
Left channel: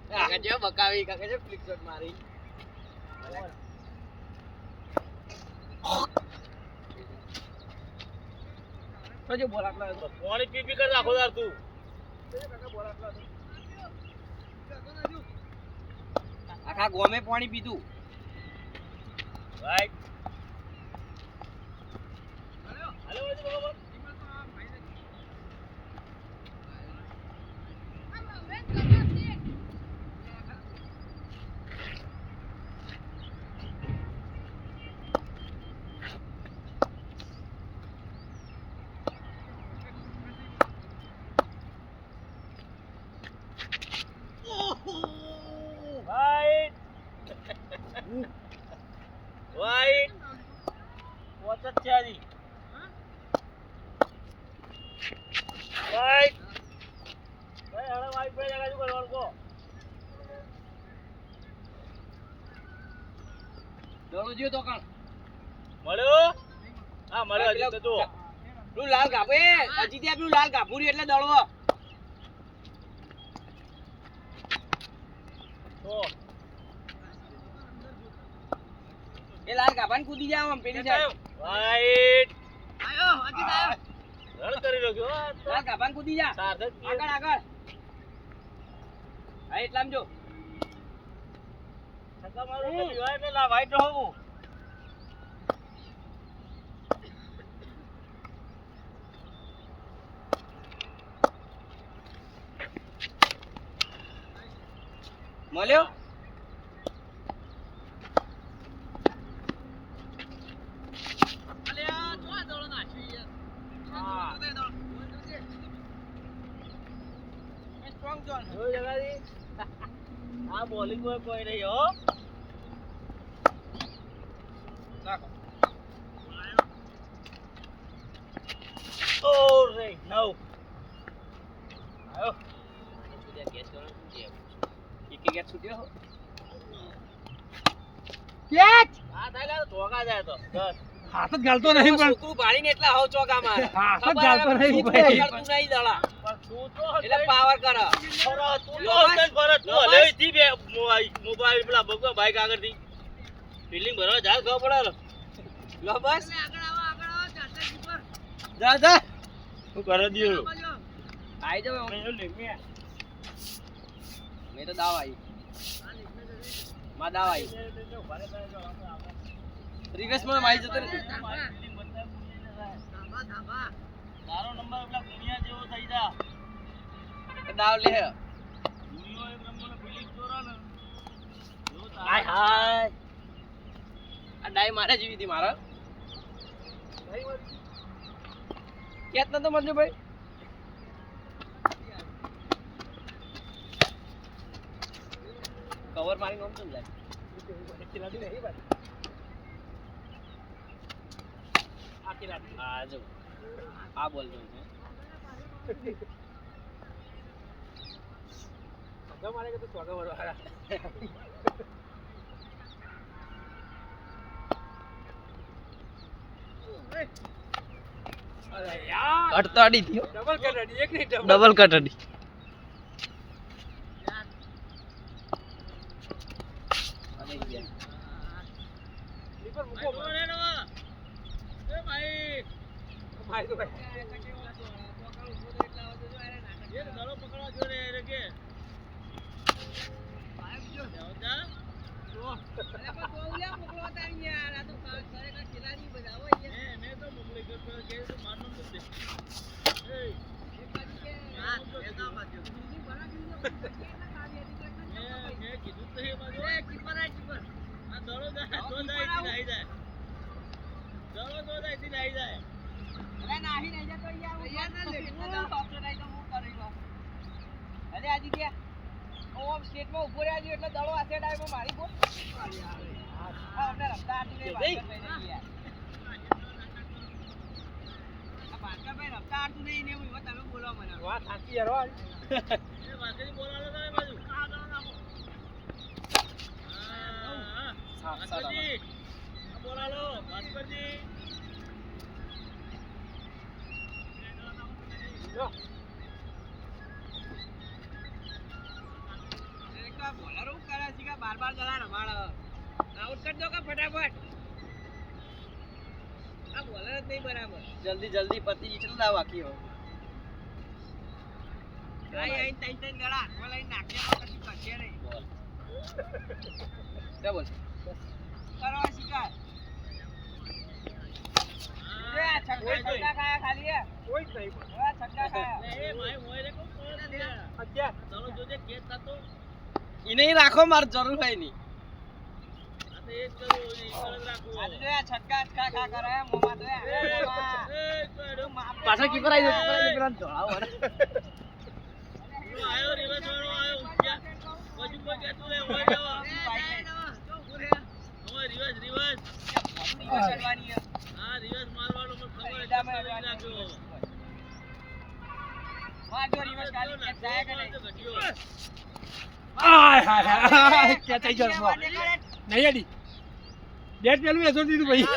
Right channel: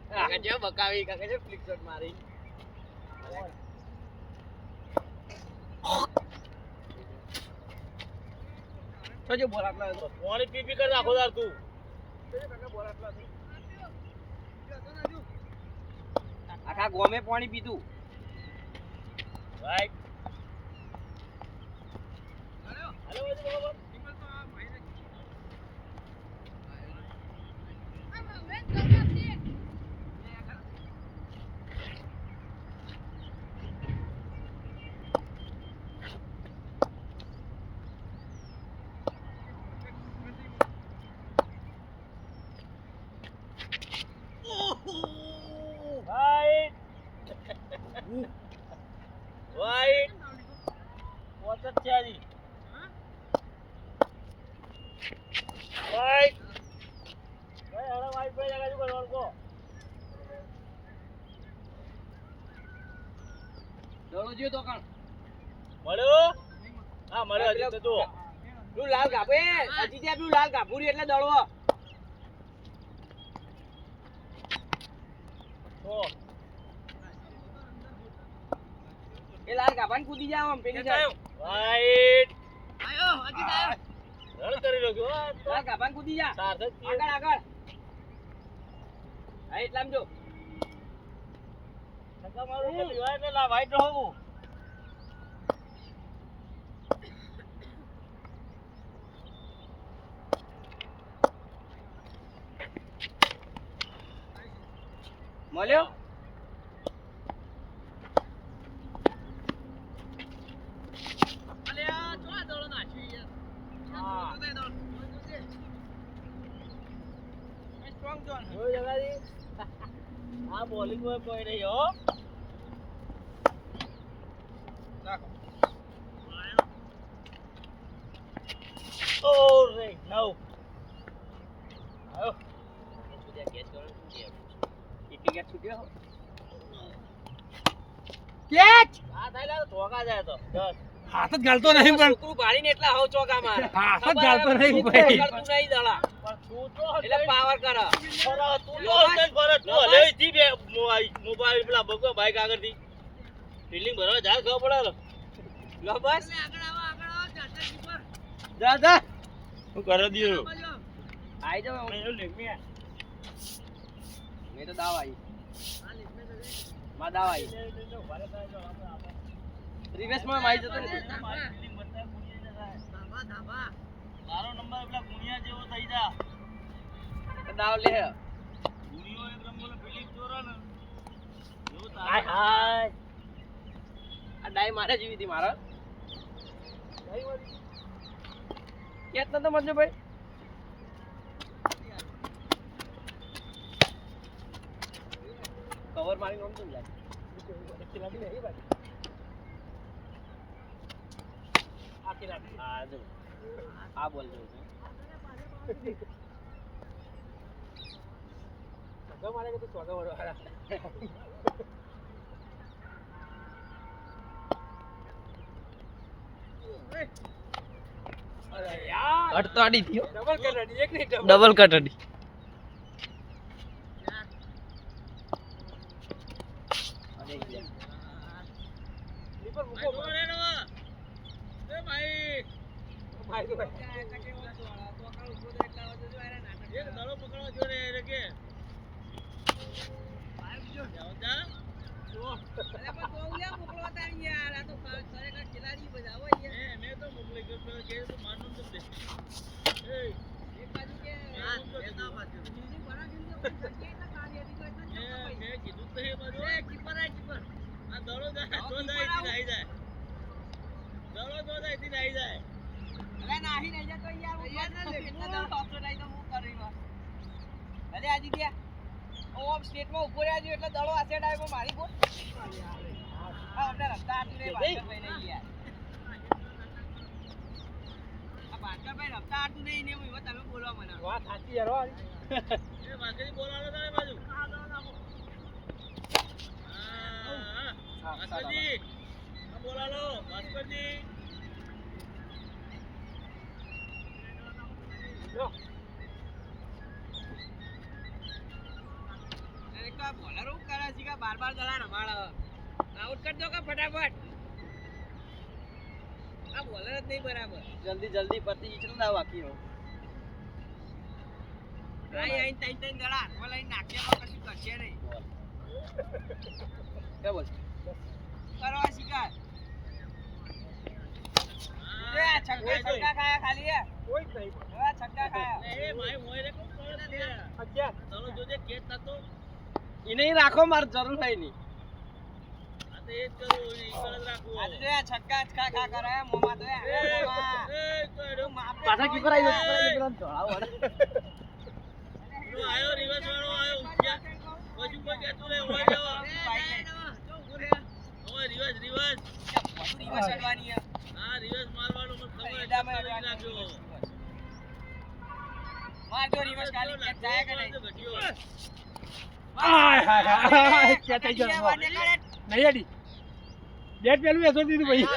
કાકા જેવો બકાવી, કાકા જેવો ફ્લિક શોટ મારી. તો જો બોલ આટલો આવ્યો તો. પાણી પી પી કર આખો દાર તું. આખા ગોમે પાણી પીધું. રાઈટ. હાલો બધું બરોબર. Right. Right. What's up, Charlie? Right. Hey, hello, white boy, I got to go. દડો જો તો કાણ. મળ્યો? હા, મળ્યો હજી તો જો. પેલું લાલ ગાભુ એ હજી ત્યાં પેલું લાલ ગાભુ રહ્યું એટલે દડવો. તો એ લાલ ગાભાને કૂદી જાવ આમ પેલી સાઈડ. right. આયો હજી આયો. રન કરી રહ્યો હો તો. લાલ ગાભાને કૂદી જા. સાર્થક આગળ આગળ. હા એટલામ જો. ધક્કા મારો કે લીવાય એટલે લા વાઈટ રહું. મળ્યો. અલ્યા જો આ દડો નાખ્યો યાર. હા. Strong zone. જો જગાજી. આ બોલિંગ કોઈ નહીં હો. નાખો. ઓ રે નવ. આયો. એક ગેટ છૂટ્યો. કેચ. આ થાય તો ધોકા જાય તો. બસ. હાથ જ ગાલતો નહીં પણ છોકરું ભાળીને એટલા હાવ ચોકા મારે. હાથ જ ખબર ગાલતો આવે નહીં તું ભાઈ. કરતું નહીં દડા. પણ તું તો એટલે પાવર કર. ફરા તું તો હલન ફરે તું હલે થી બે મોબાઈલ પેલા બગવા બાઈક આગળથી ફિલ્ડિંગ ભરવા જાય ખબર પડે લો બસ. જા જા. તું કરો દિયો આઈ જાવ. મેં તો દાવ આવી. માં દાવ આવી. રિવેસ માં મારી જતો રે. તારો નંબર પેલા ગુણિયા જેવો થઈ જા દાવ લે. ગુણિયો એક રંગોનો ફિલ્ડિંગ ચોરો ને હાય હાય આ ડાઈ મારે જેવી હતી મારા. કેત નતો મજુ ભાઈ. કવર મારી નોમ ચમ જાય. આ જો આ બોલ જો. કટતાડી થયો. ડબલ કટડી. વાત સાચી યાર હો. જો. જલ્દી જલ્દી પતિ કેટલા દાવ બાકી હોય क्या बोल કોઈ જ નહીં બોલ. અગિયાર. ઈ નહીં રાખો માર જરૂર है नहीं પાછા કીપર આવી ગયો પેલા ધોળાવ આય હાય હાય ક્યાં થઈ ગયો નહીં અડી બેટ પેલું એસો દીધું ભાઈ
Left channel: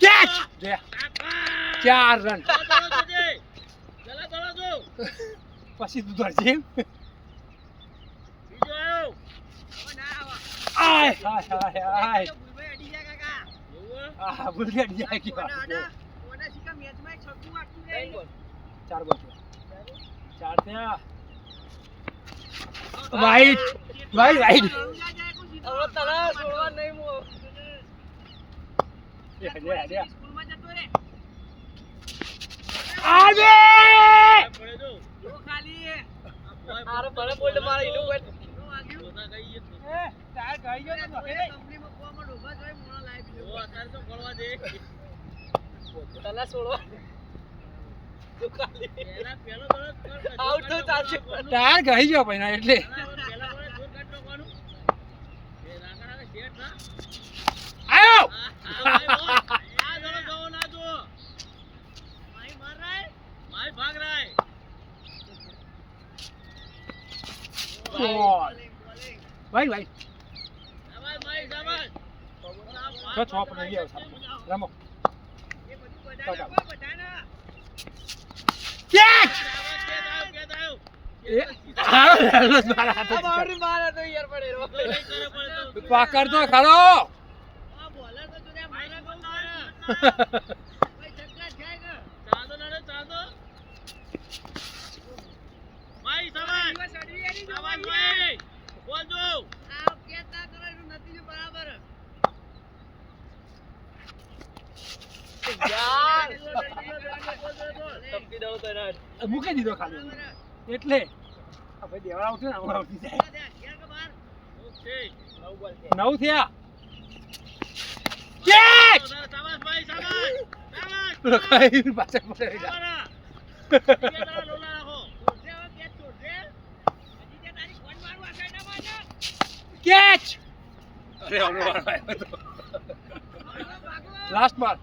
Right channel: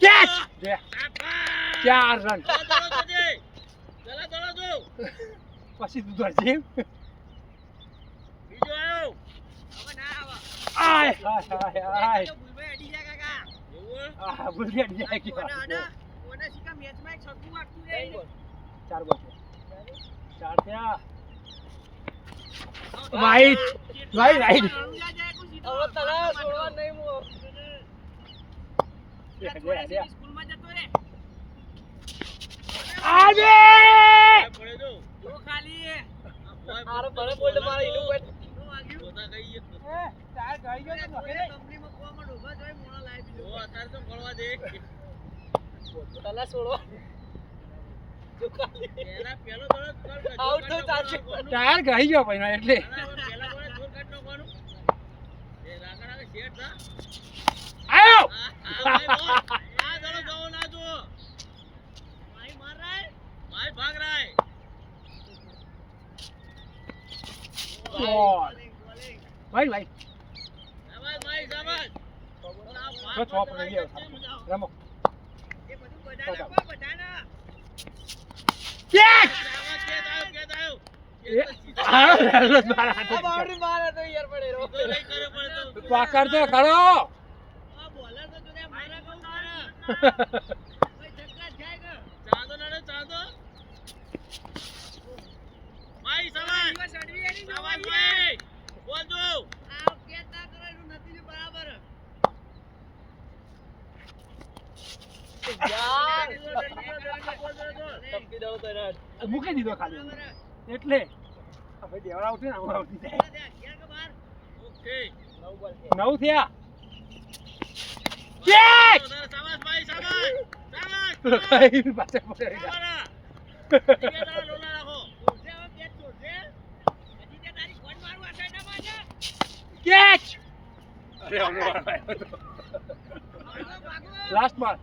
કેચ 4 રન પછી તું દોડજે આય હાય હાય હાય આ ભૂલ ગયા ગયા ગયા 4 બોલ 4 ત્યાં વાઈટ વાઈટ વાઈટ હવે તલા છોડવા નહીં મો આજે આરે ભલે બોલ મારે ઈનું કોઈ તલા છોડવા આઉટ તો ચાલશે ટાયર ગઈ ગયો ભાઈ એટલે આયો ભાઈ ભાઈ છ પણ લઈ આવો રમો કેચ એ આ મારા હાથે બાઉન્ડરી મારે તો યાર પડેરો પકડ તો ખરો યાર તપકી દો તો યાર મૂકી દીધો ખાલી એટલે આ ભાઈ દેવડા ઉઠે ને હમણાં ઉઠી જાય 9 થયા કેચ કઈ પાછળ પાછળ રહી ગયા કેચ અરે લાસ્ટ બાર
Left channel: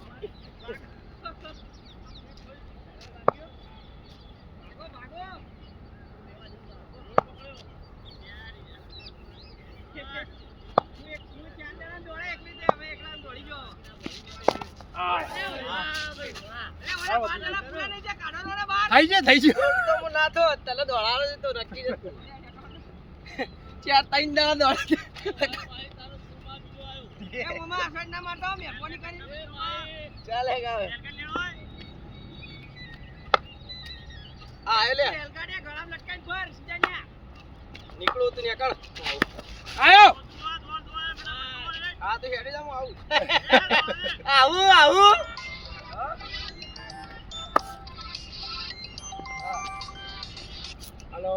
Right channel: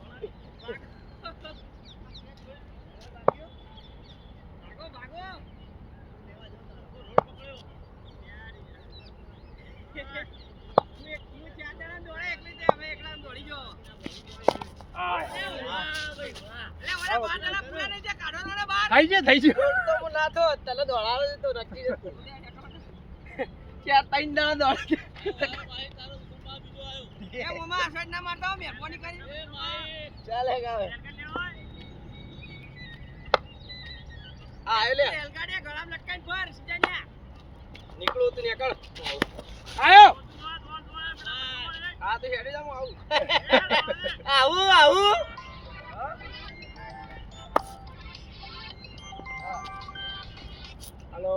થઈ છે થઈ છે તો હું ના તો તલે દોડાડો તો નક્કી જ ચાર ત્રણ દાડા દોડે ચાલે હવે આ આવે લે નીકળો તું નીકળ આયો હા તો હેડી જામ આવું આવું આવું હાલો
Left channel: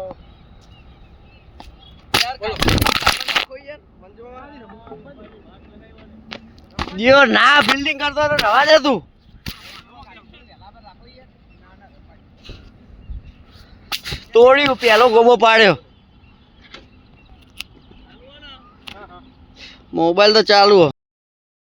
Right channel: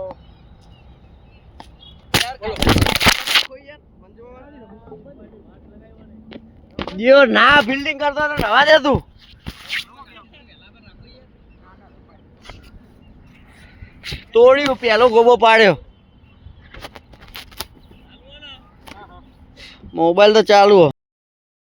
દિયો ના બિલ્ડિંગ કરતો તો નવા દે તું તોડ્યું પેલો ગોબો પાડ્યો મોબાઈલ તો ચાલુ